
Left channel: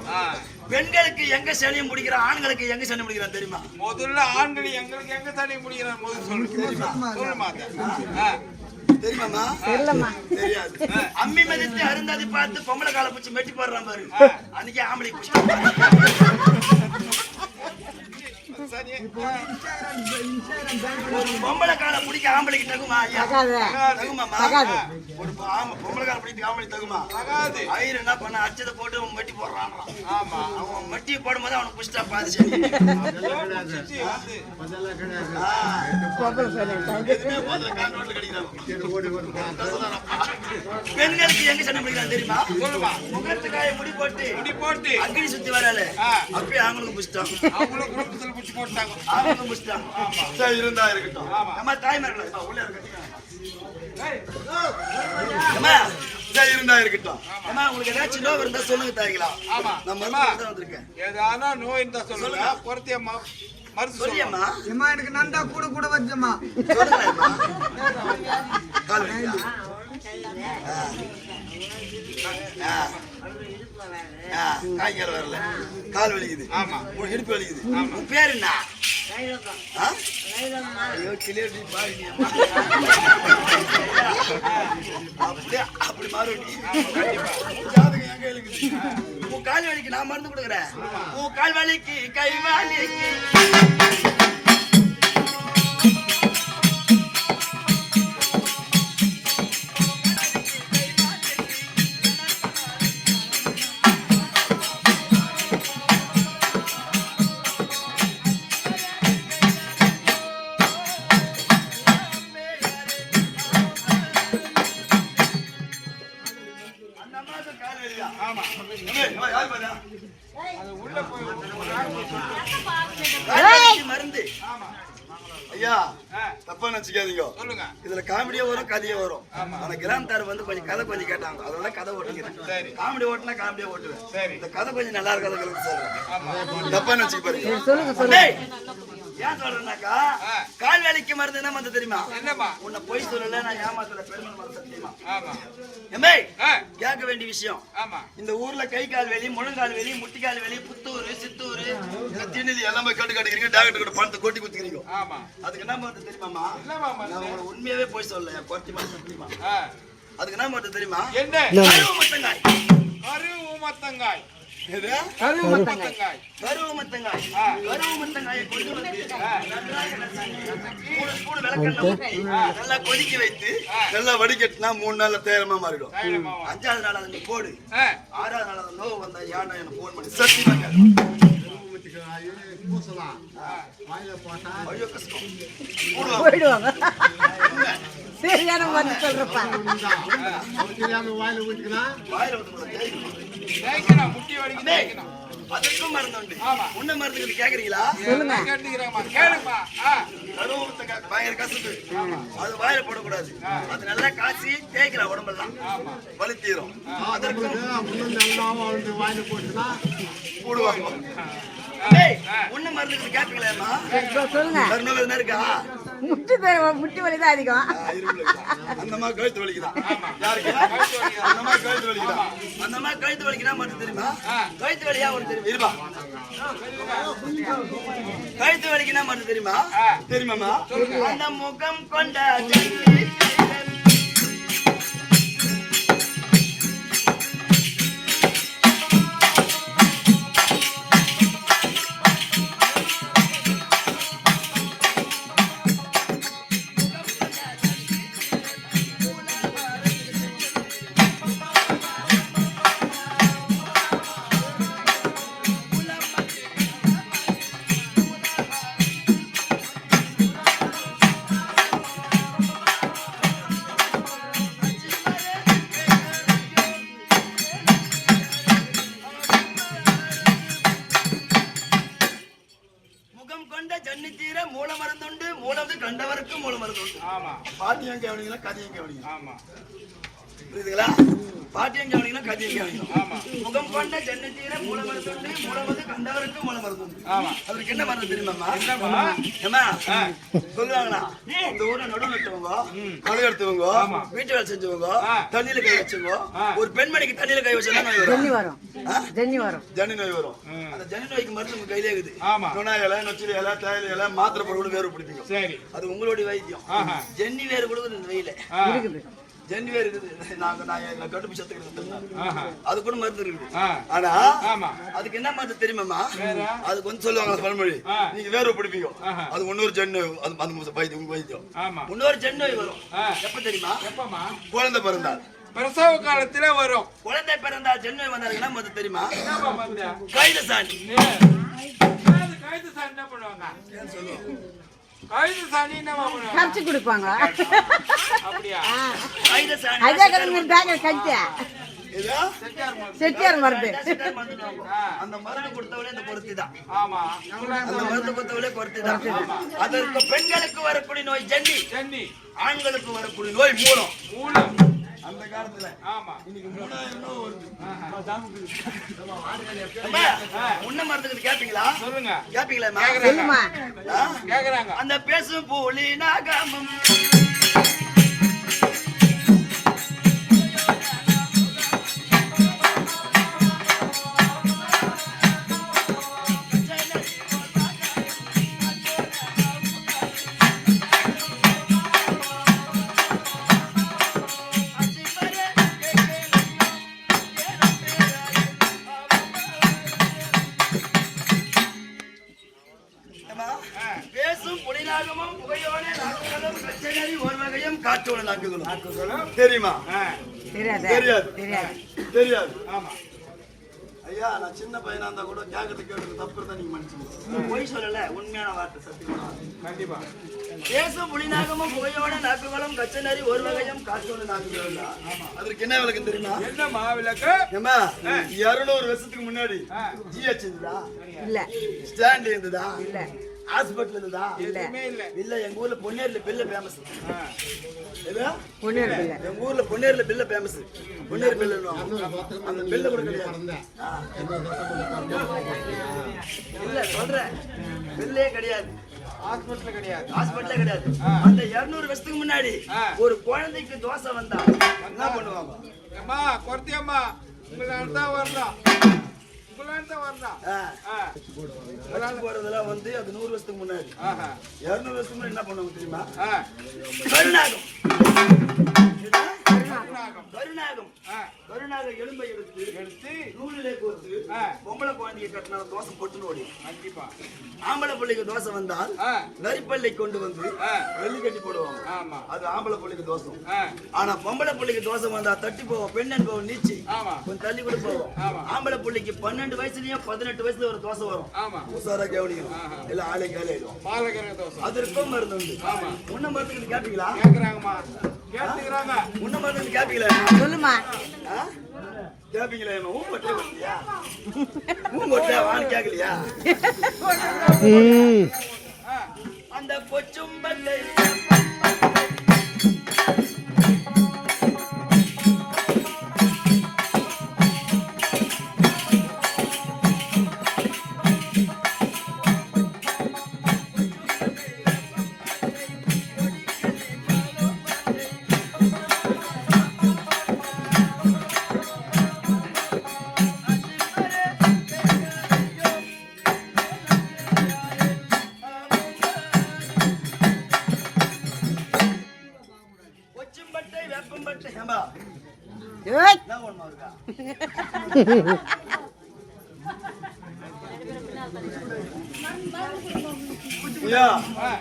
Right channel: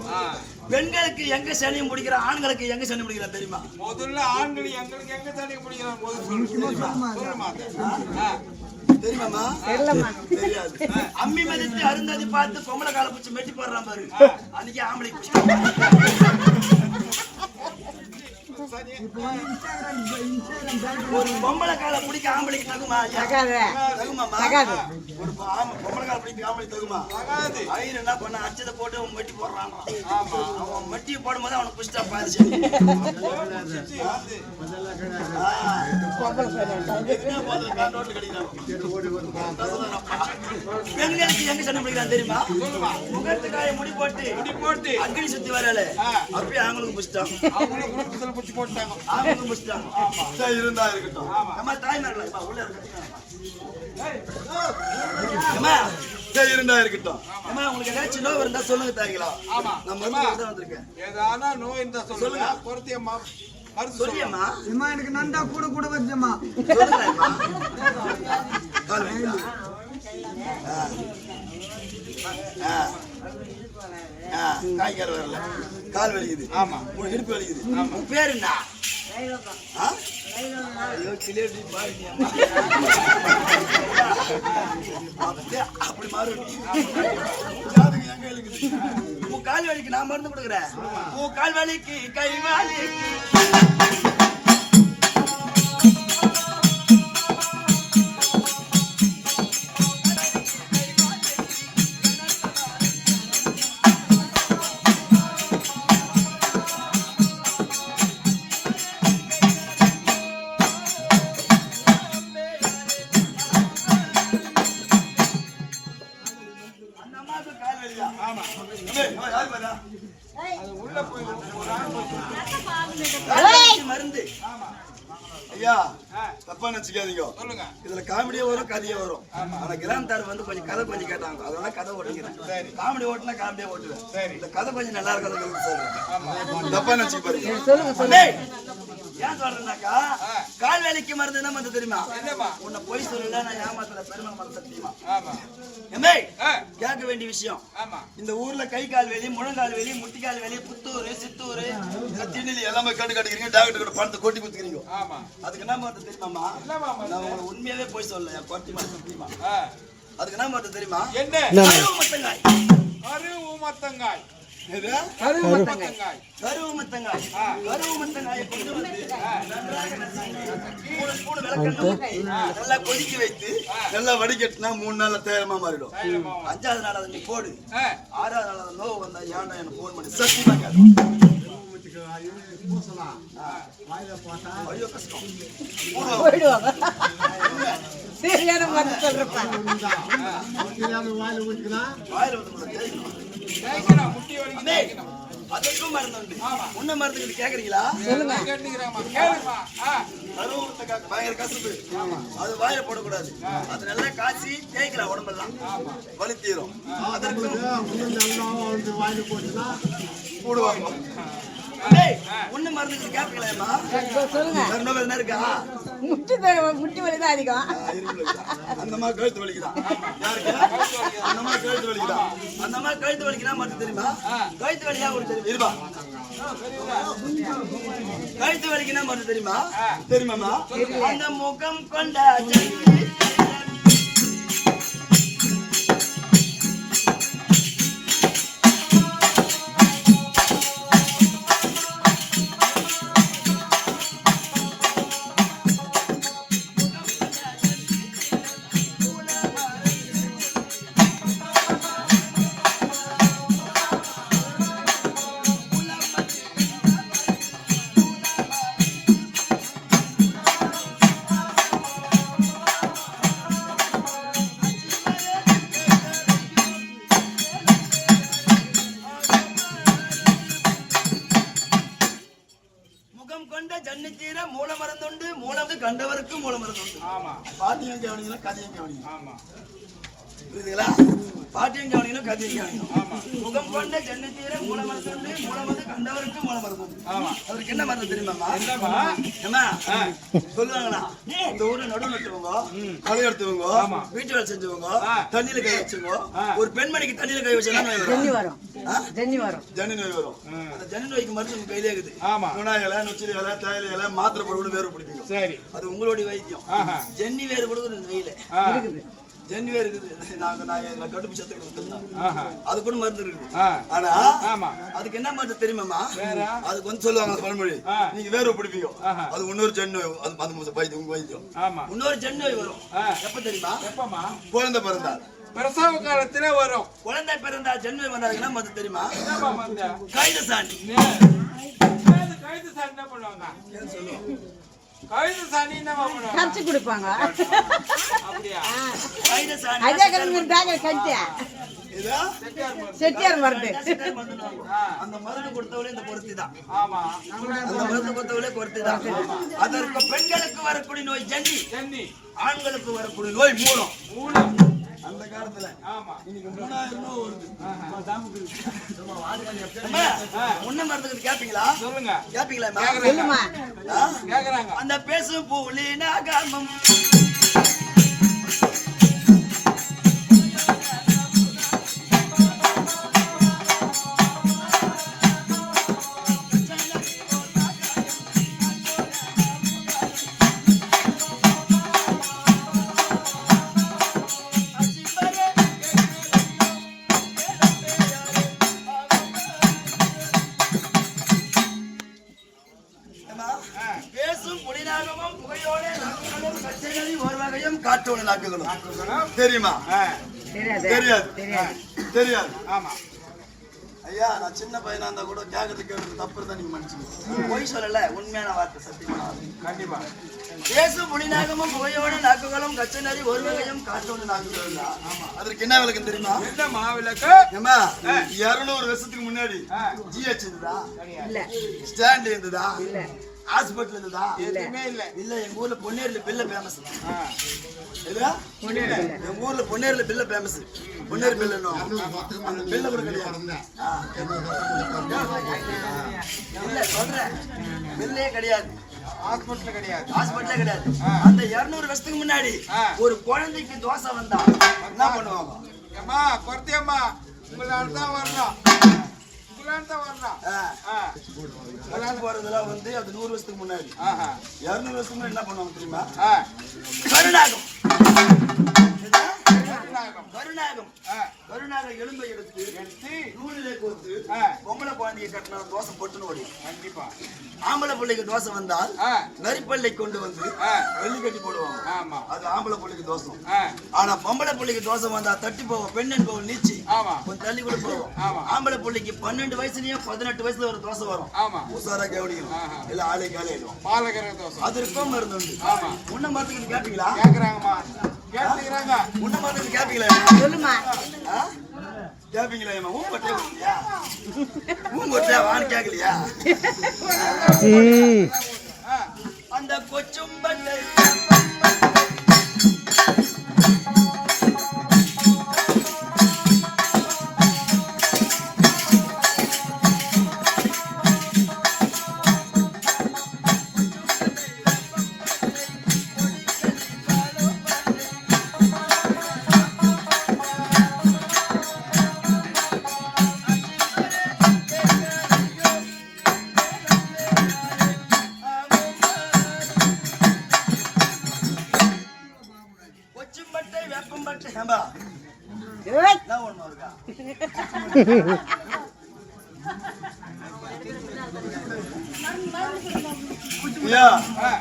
பெண்களுக்கு எங்க சனியை முடிக்கிற ஆண்களுக்கு எங்க சனி முடிக்கிறான் தெரியுமா முதல்ல ஆண்கள் எங்களுக்கு எங்க தனி முடிக்கிறான் முதல்ல சொல்லுமா தெரியுமாமா தெரியாது அம்மி மதித்து அருந்ததி பார்த்து பொம்பளை கால பூச்சி மெட்டி போடுறான் பாரு அன்னைக்கு ஆம்பளை பூச்சி ஒரு பொம்பளை காலை பிடிக்க ஆம்பளைக்கு தகுமா ஐயா? தகாது. தகுமாமா? தகாது. ஒரு பொம்பளை காலை பிடிக்க ஆம்பளை தகுமா? தகாது. ஐயர் என்ன பண்ண அச்சதை போட்டு அவன் மட்டி போடுறான். ஆமா. அவன் மட்டி போடும்போது அவனை புடிச்சா பாதிச்சு. புடிச்சிட்டு வந்து. எதுவுமே போதில்லை, கான்ட்ரோட்ல கிடைக்கிறாங்க. பெண்களுக்கு எங்க சண்டை பிடிக்கிறான் தெரியுமா? சொல்லுமா. முகத்துக்காய முடி போட்டு முடி போட்டு அக்னி சுத்தி வரல அப்பயே அவங்களுக்கு புடிச்சிட்டாங்க. அவங்களும் குடும்பத்துல புடிச்சு போட்டாங்க. அவங்களுக்கு புடிச்சிட்டாங்க. ஆமா. இருந்தா இருக்கட்டும். நம்ம தாய்மார்களா உள்ள இருக்கட்டும். அம்மா இருந்தா இருக்கட்டும். அம்மா உங்களுக்கு ஏதாச்சும் நோய் இருந்தா சொல்லுங்க தாய்களா. ஆமா. நான் மருந்து வந்திருக்கேன். ஏதானா நோய் இருந்தா சொல்லுங்க. பொறுத்திய மருந்து சொல்லியம்மா. அம்மா எனக்கு நண்டா கூட வச்சம்மா. சொல்லுங்கம்மா. கால் வலிக்குதா? காய்கால் வரல, கால் வலிக்குது. ஆமா. உன் இடுப்பு வலிக்குது. உன் பேர் என்ன? ஐயோ, கிளியர் மாறினியம்மா. அப்படியே அப்படி மாறுவடி. எங்க இருக்குது? உன் கால் வலிக்கு நான் மருந்து கொடுக்குறேன். உன் கால் வலிக்கு கை வலிக்கு மருந்து. ஐயா தப்பா நினைச்சுக்காதீங்க. சொல்லுங்க. இதுல காமெடியே வரும், கதையே வரும். ஆனா கிராமத்தார் வந்து கொஞ்சம் கதை கொஞ்சம் கேட்டாங்க, அதெல்லாம் கதை ஓட்டுகிறேன். காமெடி ஓட்டுனா காமெடியா ஓட்டுவேன். இந்த கதை கொஞ்சம் நல்லா இருக்கிறது சொல்லுங்க. தப்பா நினைச்சு பாருங்க. ஏன் சொல்றேன்னாக்கா, கால் வேலைக்கு மருந்து என்ன மருந்து தெரியுமா? உன்னை பொய் சொல்லல, நான் ஏமாத்தல, பெருமை மருந்து தெரியுமா? கேட்க வேண்டிய விஷயம். இந்த ஊர்ல கை கால் வேலி, முழங்கால் வேலி, முட்டிக்கால் வேலி, புத்தூர், சித்தூர், திருநெல்லி எல்லாமே கட்டு கட்டுக்கிறீங்க. டாக்டர் கூட பணத்தை கொட்டி குத்துக்கிறீங்க. அதுக்கு என்ன மருந்து தெரியுமாமா? நான் உங்களை உண்மையாவே போய் சொல்லல, என் குறைச்சி மருந்து தெரியுமா? அதுக்கு என்ன மருந்து தெரியுமா? கருவுமத்தங்காய். கருவுமத்தங்காய். கருவுமத்தங்காய். கருவுமத்தங்காயை கொண்டு வந்து கூடு விளக்கெண்ணெய் ஊத்தி நல்லா கொதிக்க வைத்து நல்லா வடிகட்டினா 3 நாள்ல தேரமா மாறிடும். 5வது நாள் அதை நீ போடு. 6வது நாள் அதை நோவு வந்தா ஏன்னா எனக்கு போன் பண்ணி சத்தியமா ஐயோ கஷ்டம் போயிடுவாங்க. சரியான மாதிரி சொல்றப்பா. வாயில வந்து முட்டி வலிக்கு அதுக்கும் மருந்து உண்டு. உன்ன மருந்து கேக்குறீங்களா? கருவுமத்தங்காய் பயங்கர கசப்பு. அது வாயில போடக்கூடாது. அது நல்லா காய்ச்சி தேய்க்கலாம் உடம்பெல்லாம், வலி தீரும். அதற்கும் போடுவாங்க. ஒண்ணு மருந்து கேட்கலாமா? சொல்லுங்க. இருக்கா? முட்டி வலிதான் அதிகம். அந்த மாதிரி கழுத்து வலிக்குதான். யாருக்கு? அந்த மாதிரி கழுத்து வலிக்குதான். அந்த மாதிரி கழுத்து வலிக்குனா மட்டும் தெரியுமா? கழுத்து வலியா உங்களுக்கு தெரியும்? இருப்பா. கழுத்து வலிக்குனா மட்டும் தெரியுமா? தெரியுமாமா? அந்த முகம் கொண்ட கண்டவருக்கு மூல மருந்து உண்டு. பாட்டியம் கவனிங்களா கதையும் கவனிங்க. புரியுதுங்களா? பாட்டியம் கவனிங்களா கதையும் கவனிங்க. முகம் கொண்ட ஜன்னத்தீர மூல மருந்து உண்டு. மூல மருந்து கண்டவருக்கு மூல மருந்து உண்டு. அவருக்கு என்ன மருந்து தெரியுமாமா? ஏமா சொல்லுவாங்களா? இந்த ஊர்ல நடுவு நட்டவங்க, களை எடுத்தவங்க, வீட்டு வேலை செஞ்சவங்க, தண்ணியில கை வச்சவங்க, ஒரு பெண்மணிக்கு தண்ணியில கை வச்சா நோய் வரும். ஜன்னி நோய் வரும். அந்த ஜன்னி நோய்க்கு மருந்து உங்க கையிலே இருக்குது. நுணா இலை, நொச்சிலி இலை, தேயிலை இலை, மாத்திரை போட வேறு பிடிப்பீங்க. அது உங்களுடைய வைத்தியம். ஜன்னி வேறு கொடுக்குது இந்த வெயில. ஜென்வே இருக்குது. நான் கடுப்பு சத்துக்கிறது ஆஹா. அது கூட மருந்து இருக்குது. ஆ. ஆனா ஆமா. அதுக்கு என்ன மருந்து தெரியுமாமா? வேற? அதுக்கு வந்து சொல்லுவாங்க பழமொழி, ஆ. நீங்க வேற பிடிப்பீங்க, ஆஹா. அது இன்னொரு ஜென்னு, அது அந்த வைத்தியம் ஆமா. இன்னொரு ஜென்னு வரும். ஆ. எப்ப தெரியுமா? எப்பமா? குழந்தை பிறந்தா. பிரசவ காலத்துல வரும். குழந்தை பிறந்தா ஜென்னு வந்தாருக்கு என்ன மருந்து தெரியுமா? என்னப்பா மருந்து? கைத சாணி. கைது சாணி என்ன பண்ணுவாங்க? ஏன் சொல்லுவோம்? கைது சாணி என்னமா பண்ணுவாங்க? கடிச்சு கொடுப்பாங்க. அப்படியா? கைத சாணி. அதான் கடிச்சு கடிச்சு இதா? செட்டியார் மருந்து. செட்டியார் மருந்து வாங்குவோம். அந்த மருந்து கொடுத்தவளே இந்த பொருத்தி தான். ஆமா. அந்த மருந்து கொடுத்தவளே பொருத்தி தான். அதற்கு பெண்களுக்கு வரக்கூடிய நோய் ஜென்னி, சென்னி. ஆண்களுக்கு வரக்கூடிய நோய் மூலம். மூலம். அந்த காலத்துல ஆமா. இன்னைக்கு 3000 நோய் வருது. ஆமா. முன்ன மருந்துக்கு கேப்பீங்களா? சொல்லுங்க. கேப்பீங்களா? சொல்லுமா. கேக்குறாங்க. அந்த பேசும் பூலி நாகாமம் பேசும் புலிநாகமும் புகையோட நாக்குகளும் கச்சேரி ஒரு வகையும் காற்றோட நாக்குகளும் தெரியுமா? தெரியாது. தெரியாது. ஆமா. ஐயா, நான் சின்ன பையனா இருந்தா கூட கேட்கறது தப்பு தான் நீங்க மன்னிச்சுங்க. பொய் சொல்லல, உண்மையான வார்த்தை, சத்தியமா. கண்டிப்பா. பேசும் புலிநாகமும் புகையோட நாக்குகளும் கச்சேரி ஒரு வகையும் காற்றோட நாக்குகளும். அதற்கு என்ன விளக்கம் தெரியுமா? என்னமா விளக்கு? ஏமா 200 வருஷத்துக்கு முன்னாடி ஜிஹெச் இருந்ததா? இல்ல. ஸ்டாண்ட் இருந்ததா? ஹாஸ்பிட்டல் இருந்ததா? எதுவுமே இல்ல. இல்ல. எங்க ஊர்ல பொன்னேர்ல பில்ல ஃபேமஸ். ஆ. எதுடா? எங்க ஊர்ல பொன்னேர்ல பில்ல ஃபேமஸ். பொன்னேர் பில்லுன்னு அந்த பில்ல கூட கிடையாது. இல்ல சொல்றேன், பில்லே கிடையாது. ஹாஸ்பிட்டல் கிடையாது. ஹாஸ்பிட்டலே கிடையாது. அந்த 200 வருஷத்துக்கு முன்னாடி ஒரு குழந்தைக்கு தோசை வந்தா என்ன பண்ணுவாங்க? அம்மா கொர்த்தியம்மா உங்களால தான் வரலாம். உங்களால தான் வரலாம். போறதெல்லாம் வந்து அது 100 வருஷத்துக்கு முன்னாடி. 200 வருஷத்துக்கு முன்னாடி என்ன பண்ணுவாங்க தெரியுமா? ஆ. கருநாகம். கருநாகம். கருநாகம் எலும்பை எடுத்து நூலிலே கோர்த்து பொம்பளை குழந்தைய கட்டினா தோசை போட்டுன்னு ஓடி. கண்டிப்பா. ஆம்பளை பிள்ளைக்கு தோசை வந்தால் நரிப்பள்ளை கொண்டு வந்து வெள்ளி கட்டி போடுவாங்க. ஆமா. அது ஆம்பளை பிள்ளைக்கு தோசை. ஆனா பொம்பளை பிள்ளைக்கு தோசை வந்தா தட்டி போவோம், பெண்ணன் போவோம், நீச்சி கொஞ்சம் தள்ளி கூட போவோம். ஆம்பளை பிள்ளைக்கு 12 வயசுலயும் 18 வயசுல ஒரு தோசை வரும். உசாரா கவனியும் இல்ல ஆளே காலையிடும். பாலகர தோசை. அது இருக்கும் மருந்து உண்டு. முன்ன மரத்துக்கு கேட்டீங்களா? கேக்குறாங்கம்மா. கேட்டுக்கிறாங்க. முன்ன மரத்துக்கு கேப்பீங்களா? சொல்லுமா. கேப்பீங்களா? ஊம்பட்டே வரலையா? ஊம்பட்டே வான்னு கேட்கலையா? அந்த கொச்சும்பட்டை வேப்பம்பட்டை ஏம்பா என்ன ஒண்ணு இருக்கா?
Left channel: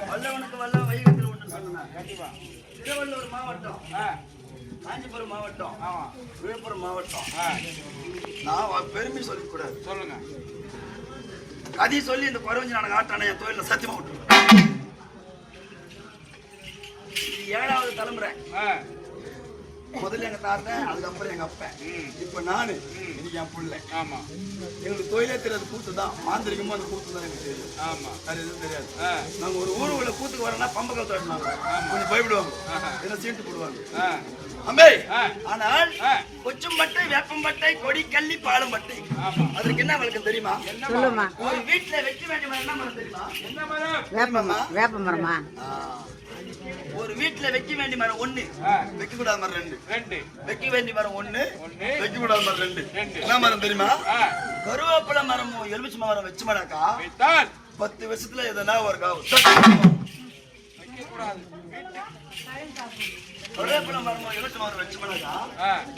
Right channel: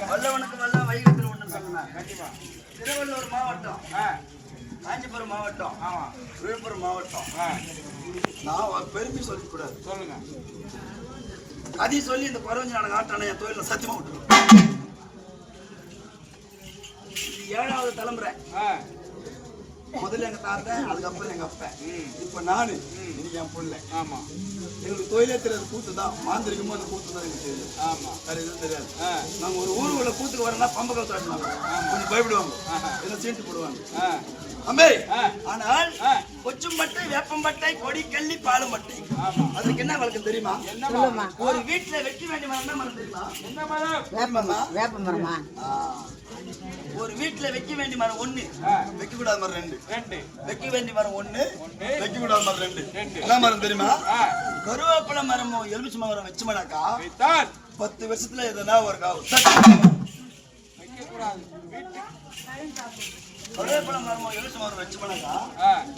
வல்லவனுக்கு வல்ல வைகத்தில் ஒன்று சொல்லுங்க. கண்டிப்பா. திருவள்ளூர் மாவட்டம், காஞ்சிபுரம் மாவட்டம், விழுப்புரம் மாவட்டம். நான் பெருமை சொல்லிக்கூடாது. சொல்லுங்க. அதையும் சொல்லி இந்த குறவஞ்சி நான் ஆட்டான என் தொழில சத்தியமா விட்டுருவேன். 7வது தலைமுறை. முதல்ல எங்க தாத்தன், அதுக்கப்புறம் எங்க அப்பா, இப்ப நானு, இன்னைக்கு என் பிள்ளை. ஆமா. எங்களுக்கு தொழிலே தெரியாது, கூத்து தான். மாந்திரிகமும் அந்த கூத்து தான் எனக்கு தெரியும். ஆமா. வேற எதுவும் தெரியாது. நாங்க ஒரு ஊருக்குள்ள கூத்துக்கு வரனா பம்ப கவுத்து ஆடினாங்க. கொஞ்சம் பயப்படுவாங்க, என்ன சீட்டு போடுவாங்க. அம்பே ஆனால் கொச்சும்பட்டை, வேப்பம்பட்டை, கொடி கள்ளி, பாலும்பட்டை, அதற்கு என்ன வழக்கம் தெரியுமா? ஒரு வீட்டுல வைக்க வேண்டிய மரம் என்ன மரம் தெரியுமா? என்ன மரம்? வேப்பமா? வேப்ப மரமா? ஒரு வீட்டுல வைக்க வேண்டிய மரம் 1, வைக்க கூடாத மரம் 2. வைக்க வேண்டிய மரம் 1, வைக்க கூடாத மரம் 2. என்ன மரம் தெரியுமா? கருவேப்பிலை மரமும் எலுமிச்சை மரம் வச்சுமாடாக்கா 10 வருஷத்துல எதனா ஒரு காவு. கருவேப்பிலை மரம் எலுமிச்சை மரம் வச்சுமானாக்கா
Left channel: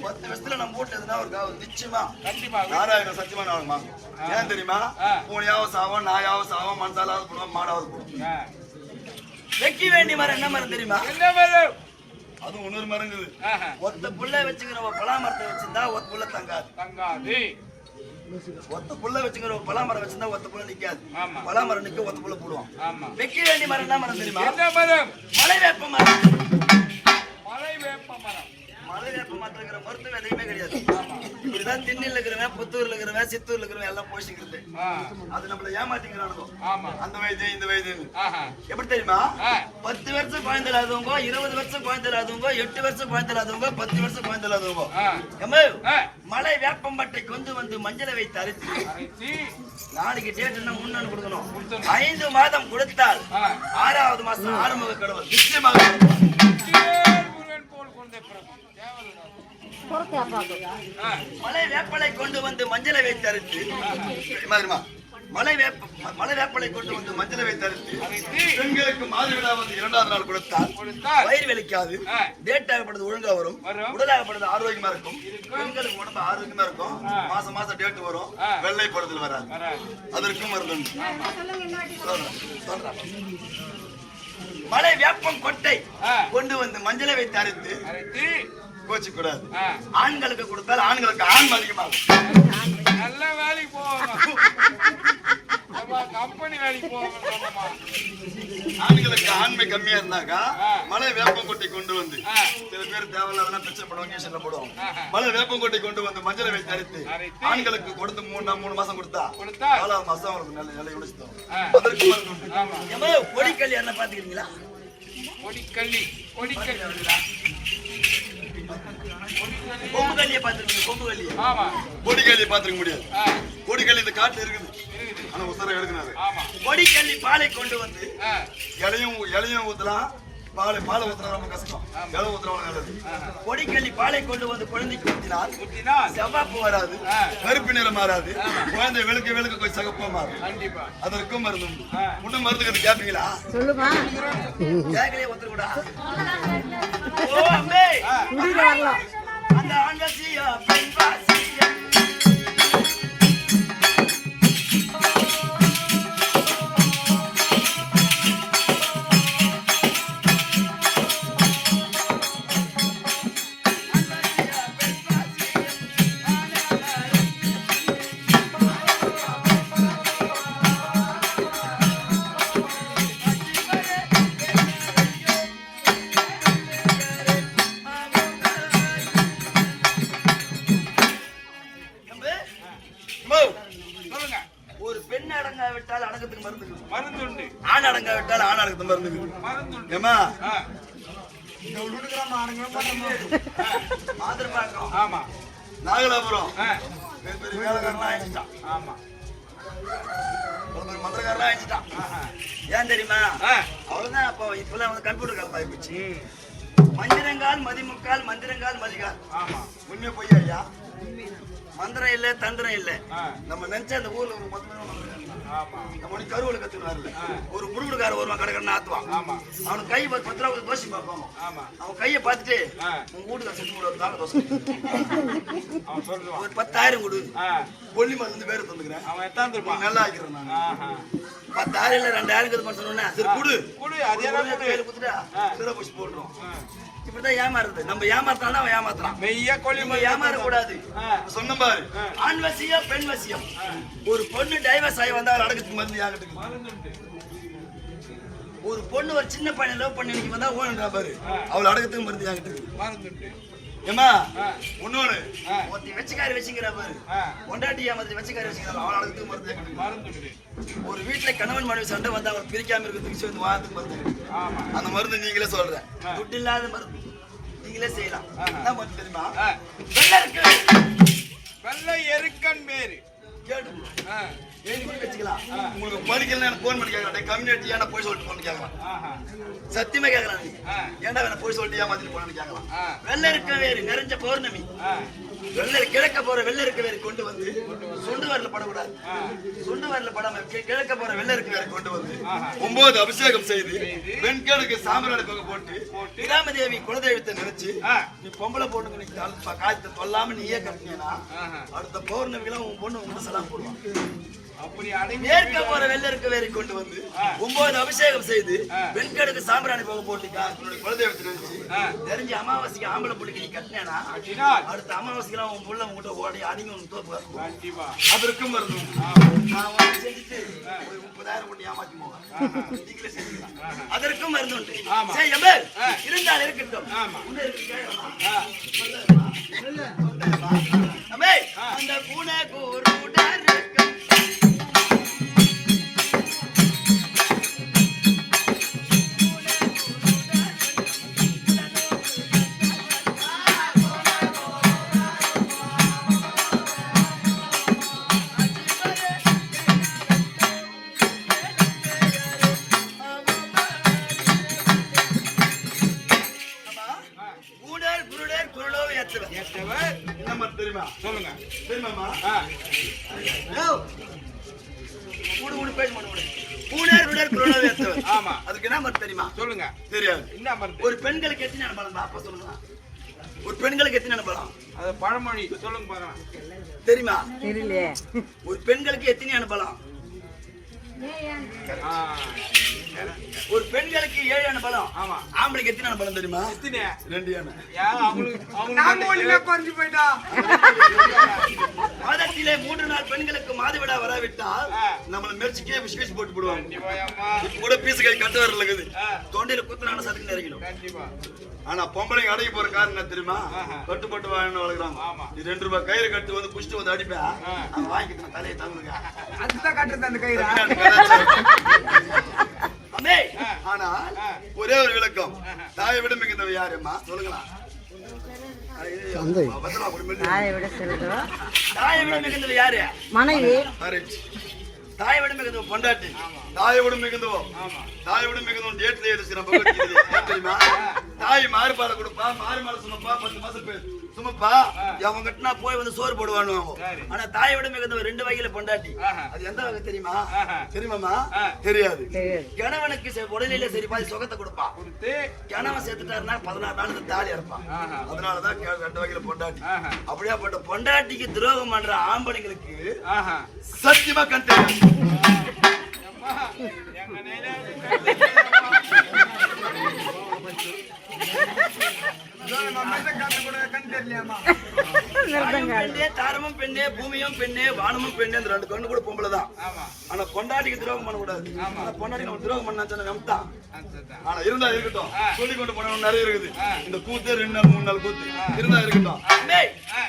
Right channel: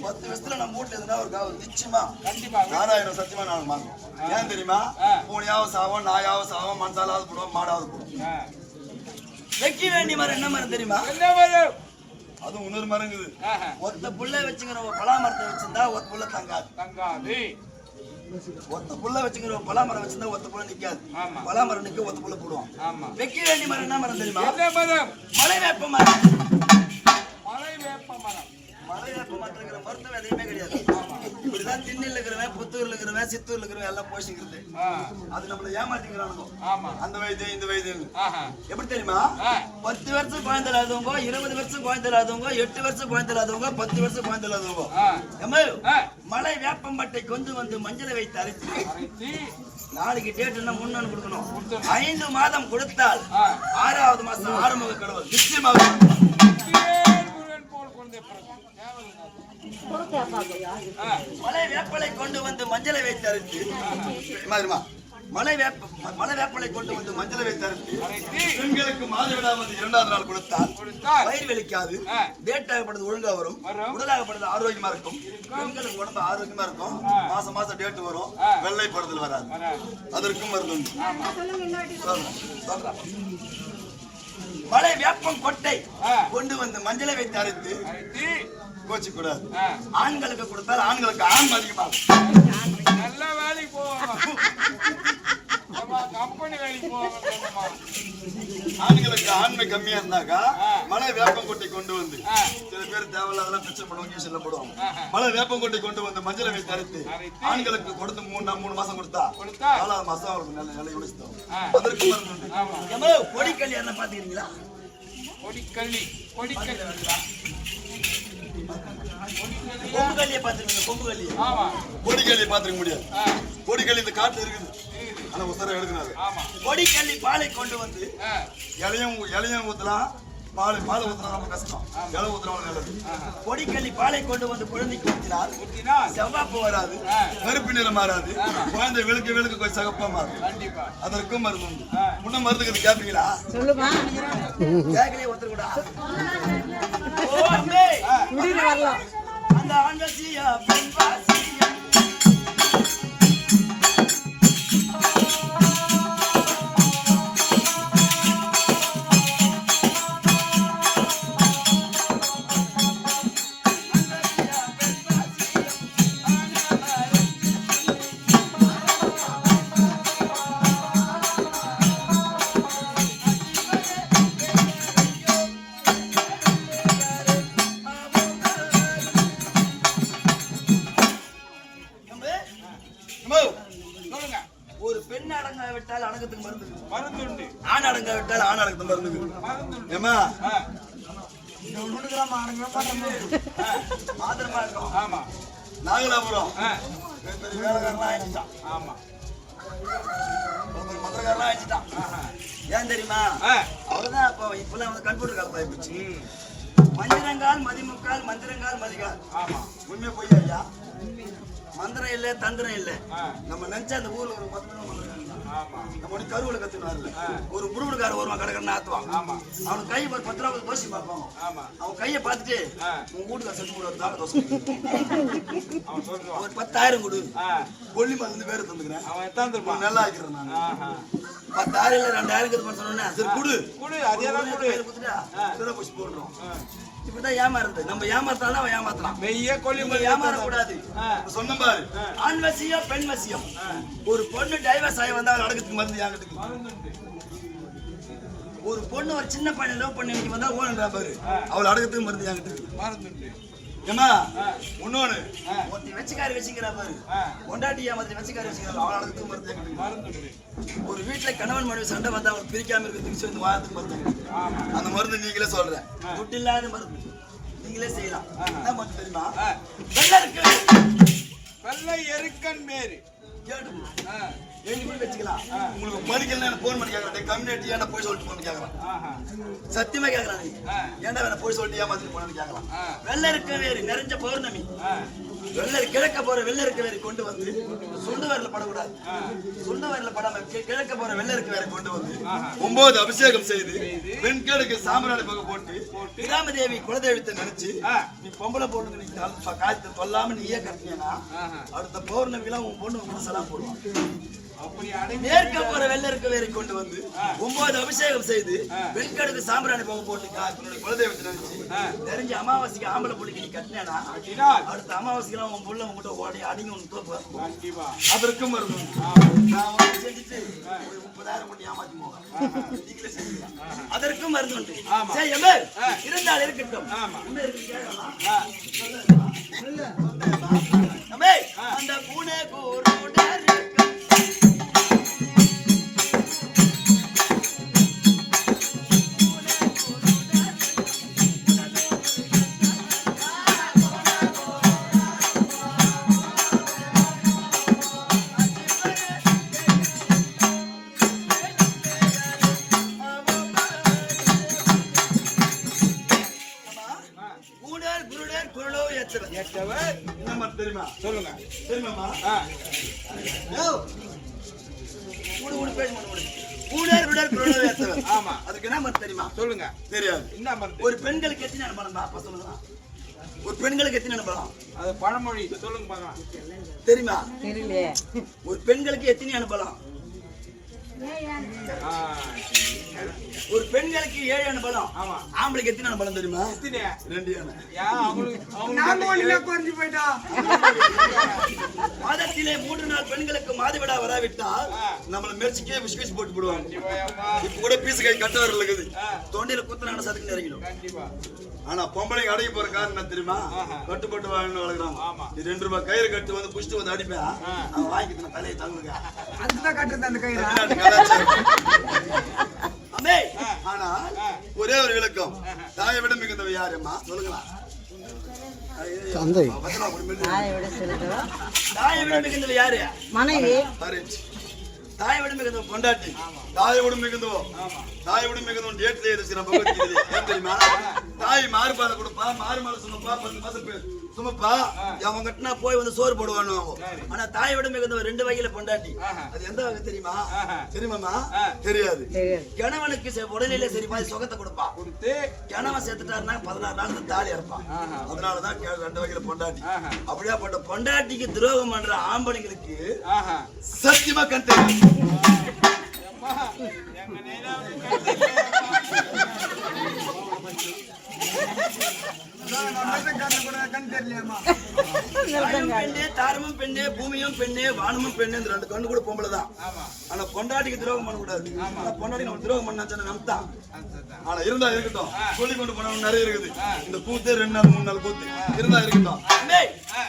10 வருஷத்துல நம்ம வீட்டுல இருந்தா ஒரு நிச்சயமா கண்டிப்பா நாராயண சத்தியமா நான் வாங்க. ஏன் தெரியுமா? பூனையாவது சாவோம், நாயாவது சாவோம், மனசாலாவது போடுவோம், மாடாவது போடுவோம். வைக்க வேண்டிய மரம் என்ன மரம் தெரியுமா? என்ன வரும் அது இன்னொரு மரங்குது. ஒத்த புள்ள வச்சுக்கிற பலா மரத்தை வச்சிருந்தா ஒத்த புள்ள தங்காது. ஒத்த புள்ள வச்சுக்கிற பலா மரம் வச்சிருந்தா ஒத்த புள்ள நிக்காது. பலா மரம் நிக்க ஒத்த புள்ள போடுவோம். வைக்க வேண்டிய மரம் என்ன மரம் தெரியுமா? மலை வேப்ப மரம். மலை வேப்ப மரத்துல இருக்கிற மருத்துவம் எதையுமே கிடையாது. இப்படிதான் திண்ணில இருக்கிறவன், புத்தூர்ல இருக்கிறவன், சித்தூர்ல இருக்கிறவன் எல்லாம் போஷிக்கிறது. அது நம்மள ஏமாத்திக்கிறானுங்க. அந்த வயது இந்த வயது எப்படி தெரியுமா? 10 வருஷம் குழந்தை இல்லாதவங்க, 20 வருஷம் குழந்தை இல்லாதவங்க, 8 வருஷம் குழந்தை இல்லாதவங்க, 10 வருஷம் குழந்தை இல்லாதவங்க மலை வேப்பம்பட்டை கொண்டு வந்து மஞ்சளை வைத்து அரைத்து நாளைக்கு டேட்னா முன்னு கொடுக்கணும். 5 மாதம் கொடுத்தால் 6வது மாசம் ஆறுமுக கடவுள் நிச்சயமாக மலை வேப்பலை கொண்டு வந்து மஞ்சளை வைத்து அரைத்து மலை வேப்பலை கொண்டு வந்து மஞ்சளை வைத்து அரைத்து பெண்களுக்கு மாதவிடாவது 2வது நாள் கொடுத்தால் வயிறு வலிக்காது, டேட் ஆகப்படுறது ஒழுங்கா வரும், உடலாகப்படுறது ஆரோக்கியமா இருக்கும், பெண்களுக்கு உடம்பு ஆரோக்கியமா இருக்கும், மாசம் மாசம் டேட் வரும், வெள்ளைப்படுதல் வராது. அதற்கும் மருந்து மலை வேப்பம் கொட்டை கொண்டு வந்து மஞ்சளை வைத்து அரைத்து கோச்சு கூடாது. ஆண்களுக்கு கொடுத்தால் ஆண்களுக்கு ஆண் அதிகமாகும். நல்ல வேலைக்கு போவாங்க, கம்பெனி வேலைக்கு போவாங்க. ஆண்களுக்கு ஆண்மை கம்மியா இருந்தாக்கா மலை வேப்பங்கொட்டை கொண்டு வந்து சில பேர் தேவையில்லாதெல்லாம் பிரச்சனை பண்ணுவாங்க, செல்ல போடுவாங்க. மலை வேப்பங்கொட்டை கொண்டு வந்து மஞ்சளை வைத்து அரைத்து ஆண்களுக்கு கொடுத்து 3 மாசம் கொடுத்தா 4வது மாசம் அவருக்கு நல்ல நிலை உழைச்சிட்டோம். அதற்கு மருந்து கொடிக்கல்லி என்ன பாத்துக்கிறீங்களா? கொடிக்கல்லி கொம்பு கல்லியை பாத்துருக்கீங்க? கொம்பு கல்லி கொடிக்கல்லியை பாத்துருக்க முடியாது. கொடிக்கல்லி இந்த காட்டுல இருக்குது, ஆனா உசரம் எடுக்கிறாரு. கொடிக்கல்லி பாலை கொண்டு வந்து இலையும் ஊத்தலாம், பாலை ஊத்துனா ரொம்ப கஷ்டம், இலை ஊத்துறவங்க நல்லது. கொடிக்கல்லி பாலை கொண்டு வந்து குழந்தைக்கு ஊத்தினால் செவ்வாப்பு வராது, கருப்பு நிறம் மாறாது, குழந்தை வெளுக்க கொஞ்சம் சகப்பா மாறும். அதற்கும் மருந்து உண்டு. முன்ன மருந்துக்கு கேட்பீங்களா? கேட்கலையே ஒருத்தர் கூட அந்த ஆண்டசியா பெண்வாசியா ஒரு பெண் அடங்க விட்டால் அடங்கத்துக்கு மருந்து உண்டு, ஆண் அடங்க விட்டால் ஆண் அடங்கத்துக்கு மருந்து ஏமா நாகலாபுரம் வேலைக்காரனா ஆயிடுச்சான், மந்திரக்காரனா ஆயிடுச்சான். ஏன் தெரியுமா? அவர்தான் இப்பெல்லாம் வந்து கம்ப்யூட்டர் காலமாயி போச்சு. மந்திரங்கால் மதிமுக்கால் மந்திரங்கால் மதிகால் உண்மையா பொய்யா ஐயா? மந்திரம் இல்ல தந்திரம் இல்ல. நம்ம நினைச்ச அந்த ஊர்ல ஒரு நம்ம கருவூல கத்துனாரு, ஒரு முடுமுடுக்கார வருவான், கடைக்கடை ஆத்துவான். அவனுக்கு கை 10 ரூபா தோசை பார்ப்பான். அவன் கையை பார்த்துட்டு உங்க வீட்டுக்கு செத்து போடுவாங்க தோசை, ஒரு 10,000 கொடு, கொல்லி மருந்து பேரு தந்துக்கிறேன், அவன் எத்தாந்துருப்பான், நல்லா ஆக்கிறேன் நான். 10,000 இல்ல 2,000 சொன்னேன், சரி குடு குடுத்துட்டா போச்சு போடுறோம். இப்படிதான் ஏமாறுது. நம்ம ஏமாத்தாலும் அவன் ஏமாத்தலாம், ஏமாறக்கூடாது. சொன்ன பாரு, ஆண் வசியம் பெண் வசியம். ஒரு பொண்ணு டைவர்ஸ் ஆகி வந்தா அவள் அடக்கத்துக்கு மருந்து யாங்கிட்டு. ஒரு பொண்ணு ஒரு சின்ன பையனை லவ் பண்ணி இன்னைக்கு வந்தா ஓடுறா பாரு, அவள் அடக்கத்துக்கு மருந்து யாங்கிட்டு. ஏமா ஒன்னொன்னு ஒருத்தி வெச்சுக்காரி வச்சுக்கிறா பாரு, கொண்டாட்டி ஏமாத்தி வெச்சுக்காரி வச்சுக்கிறா, அவள் அடக்கத்துக்கு மருந்து. ஒரு வீட்டுல கணவன் மனைவி சண்டை வந்தா அவன் பிரிக்காம இருக்கிறதுக்கு வந்து வாரத்துக்கு மருந்து. அந்த மருந்து நீங்களே சொல்ற, துட்டு இல்லாத மருந்து நீங்களே செய்யலாம். என்ன மருந்து தெரியுமா? வெள்ளை எருக்கன் மேரு வச்சுக்கலாம். உங்களுக்கு படிக்கல போன் பண்ணி கேட்கறேன், கம்யூனிட்டி ஏன்னா போய் சொல்லிட்டு போன்னு கேட்கலாம். சத்தியமா கேட்கறாங்க, ஏன்டா வேணா போய் சொல்லிட்டு ஏமாத்திட்டு போனு கேட்கலாம். வெள்ளை இருக்க வேறு நிறைஞ்ச பௌர்ணமி கிழக்க போற வெள்ளருக்கு வேற கொண்டு வந்து சுண்டு வரல படக்கூடாது. சுண்டு வரல படாம கிழக்க போற வெள்ளருக்கு வேற கொண்டு வந்து 9 அபிஷேகம் செய்து வெண்கலுக்கு சாம்பிராணி பக்கம் போட்டு ராமதேவி குலதெய்வத்தை நினைச்சு நீ பொம்பளை பொண்ணுங்க நீ காலத்தை சொல்லாம நீயே கட்டினா அடுத்த பௌர்ணமிலாம் உன் பொண்ணு உங்க சலாம் போடுவான். மேற்க போற வெள்ளருக்கு வேற கொண்டு வந்து 9 அபிஷேகம் செய்து வெண்கலுக்கு சாம்பிராணி பக்கம் போட்டு குலதெய்வத்தை நினைச்சு தெரிஞ்சு அமாவாசைக்கு ஆம்பளை பிள்ளைக்கு நீ கட்டினா அடுத்த அமாவாசைக்கு உன் புள்ள உங்ககிட்ட ஓடி அடிங்க ஒன்று தோப்பு அதற்கும் வரணும். நான் செஞ்சுட்டு 30,000 பண்ணி ஏமாத்தி போவேன். அதற்கும் மருந்து உண்டு. இருந்தால் இருக்கட்டும். அந்த பூனை தெரியுமா? சொல்லுங்க. தெரியுமாமா? ஆமா. அதுக்கு என்ன மருந்து தெரியுமா? சொல்லுங்க. தெரியாது. என்ன மருந்து? ஒரு பெண்களுக்கு எத்தனை அனுபவம் அப்ப சொல்லுங்க. ஒரு பெண்களுக்கு எத்தனை அனுபவம்? அது பழமொழி. சொல்லுங்க பாருங்க. தெரியுமா? தெரியல. ஒரு பெண்களுக்கு எத்தனை அனுபவம்? ஒரு பெண்களுக்கு 7 அனுபவம். ஆமா. ஆம்பளைக்கு எத்தனை அனுபவம் தெரியுமா? 2 மாதத்திலே 3 நாள் பெண்களுக்கு மாதவிடா வராவிட்டால் நம்மள மெர்ச்சிக்கே விஸ்கேஷ் போட்டு போடுவாங்க. இப்ப கூட பீஸ் கை கட்டு வரல இருக்குது. தொண்டையில குத்துனான சதுக்கு நெருங்கிடும். ஆனா பொம்பளைங்க அடங்கி போற காரணம் என்ன தெரியுமா? கட்டுப்பட்டு வாங்கன்னு வளர்க்குறாங்க. நீ 2 ரூபாய் கயிறு கட்டு வந்து புடிச்சிட்டு வந்து அடிப்பேன். அவன் வாங்கிட்டு தலையை தாங்குங்க. அதுதான் கட்டுறது அந்த கயிறு. ஆனா ஒரே ஒரு விளக்கம். தாயை விட மிகுந்தவ யாருமா? சொல்லுங்களா? தாயை விட மிகுந்தவ யாரு? மனைவி. தாயை விட மிகுந்தவ பொண்டாட்டி. தாயை விட மிகுந்தவோ தாயை விட மிகுந்தவன் டேட்ல ஏன் தெரியுமா? தாய் மாறுபாடு கொடுப்பா, மாறு மாறு சுமப்பா, 10 மாசம் சுமப்பா, அவன் கட்டினா போய் வந்து சோறு போடுவானு. ஆனா தாயை விட மிகுந்தவன் 2 வகையில பொண்டாட்டி. அது எந்த வகை தெரியுமா? தெரியுமாமா? தெரியாது. கணவனுக்கு உடலில சரி பாதி சுகத்தை கொடுப்பா. கொடுத்து கணவன் சேர்த்துட்டாருன்னா 16 நாள் தாலி இறப்பான். அதனாலதான் 2 வகையில பொண்டாட்டி. அப்படியா போட்ட பொண்டாட்டிக்கு துரோகம் பண்ற ஆம்பளைங்களுக்கு சத்தியமா கண் தெரியும். தாரமும் பெண்ணே, பூமியும் பெண்ணே, வானமும் பெண்ணே, இந்த 2 கண்ணு கூட பொம்பளை தான். ஆனா பொண்டாட்டிக்கு துரோகம் பண்ணக்கூடாது. பொண்டாட்டி நம்ம துரோகம் பண்ணாச்சு நம்தான். ஆனா இருந்தா இருக்கட்டும். சொல்லி கொண்டு போன நிறைய இருக்குது. இந்த கூத்து 2 நாள் 3 நாள் கூத்து இருந்தா இருக்கட்டும்.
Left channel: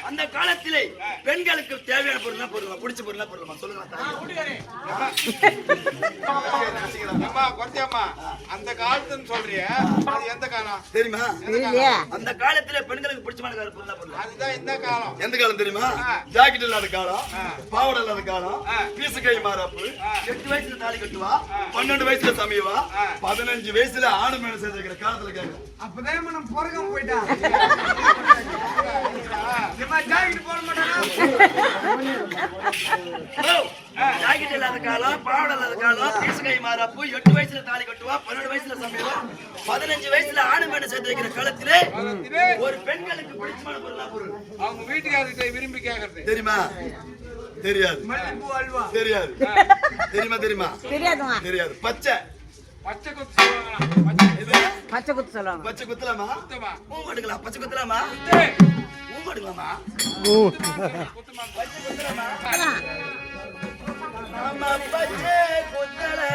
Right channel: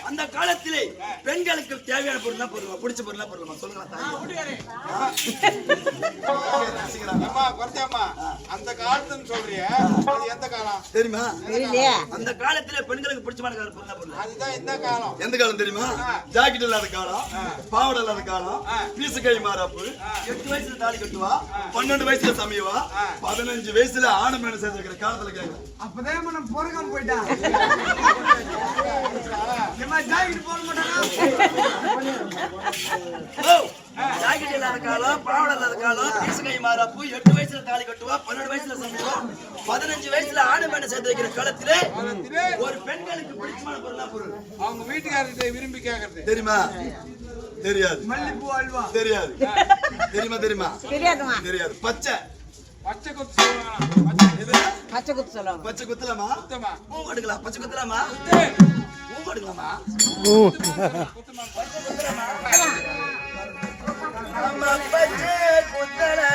அந்த காலத்திலே பெண்களுக்கு தேவையான பொருள் பொருள் பிடிச்ச பொருள் பொருள் சொல்லுங்க. அந்த காலத்துன்னு சொல்றிய எந்த காலம் தெரியுமா? அந்த காலத்துல பெண்களுக்கு பிடிச்சமான பொருள் அதுதான் இந்த காலம். எந்த காலம் தெரியுமா? ஜாக்கெட் இல்லாத காலம், பாவாடை இல்லாத காலம், பீசு கை மாறாப்பு, 8 வயசுல தாலி கட்டுவா, 12 வயசுல சமைவா, 15 வயசுல ஆணு மேல சேர்ந்துக்கிற காலத்துல கேட்க. அப்பதான் நம்ம போறகாம போயிட்டா. ஜாக்கெட் போட மாட்டாங்க. ஜாக்கெட் இல்லாத காலம், பாவாடை இல்லாத காலம், பீசு கை மாறாப்பு, 8 வயசுல தாலி கட்டுவா, 12 வயசுல சமைவா, 15 வயசுல ஆணு மேல சேர்ந்து வைக்கிற காலத்திலே ஒரு பெண்களுக்கு பிடிச்சமான பொருள் அவங்க வீட்டுக்காரர்கிட்ட விரும்பி கேட்கறது தெரியுமா? தெரியாது. மல்லிப்பூ அல்வா தெரியாது. தெரியுமா? தெரியுமா? தெரியாது. பச்சை பச்சை குத்து பச்சை குத்து சொல்லுவாங்க. பச்சை குத்தலாமா? பூ எடுக்கலாம். பச்சை குத்தலாமா? பூ எடுக்கலாமா? பச்சை குத்தலாமா? நம்ம பச்சை குத்தலை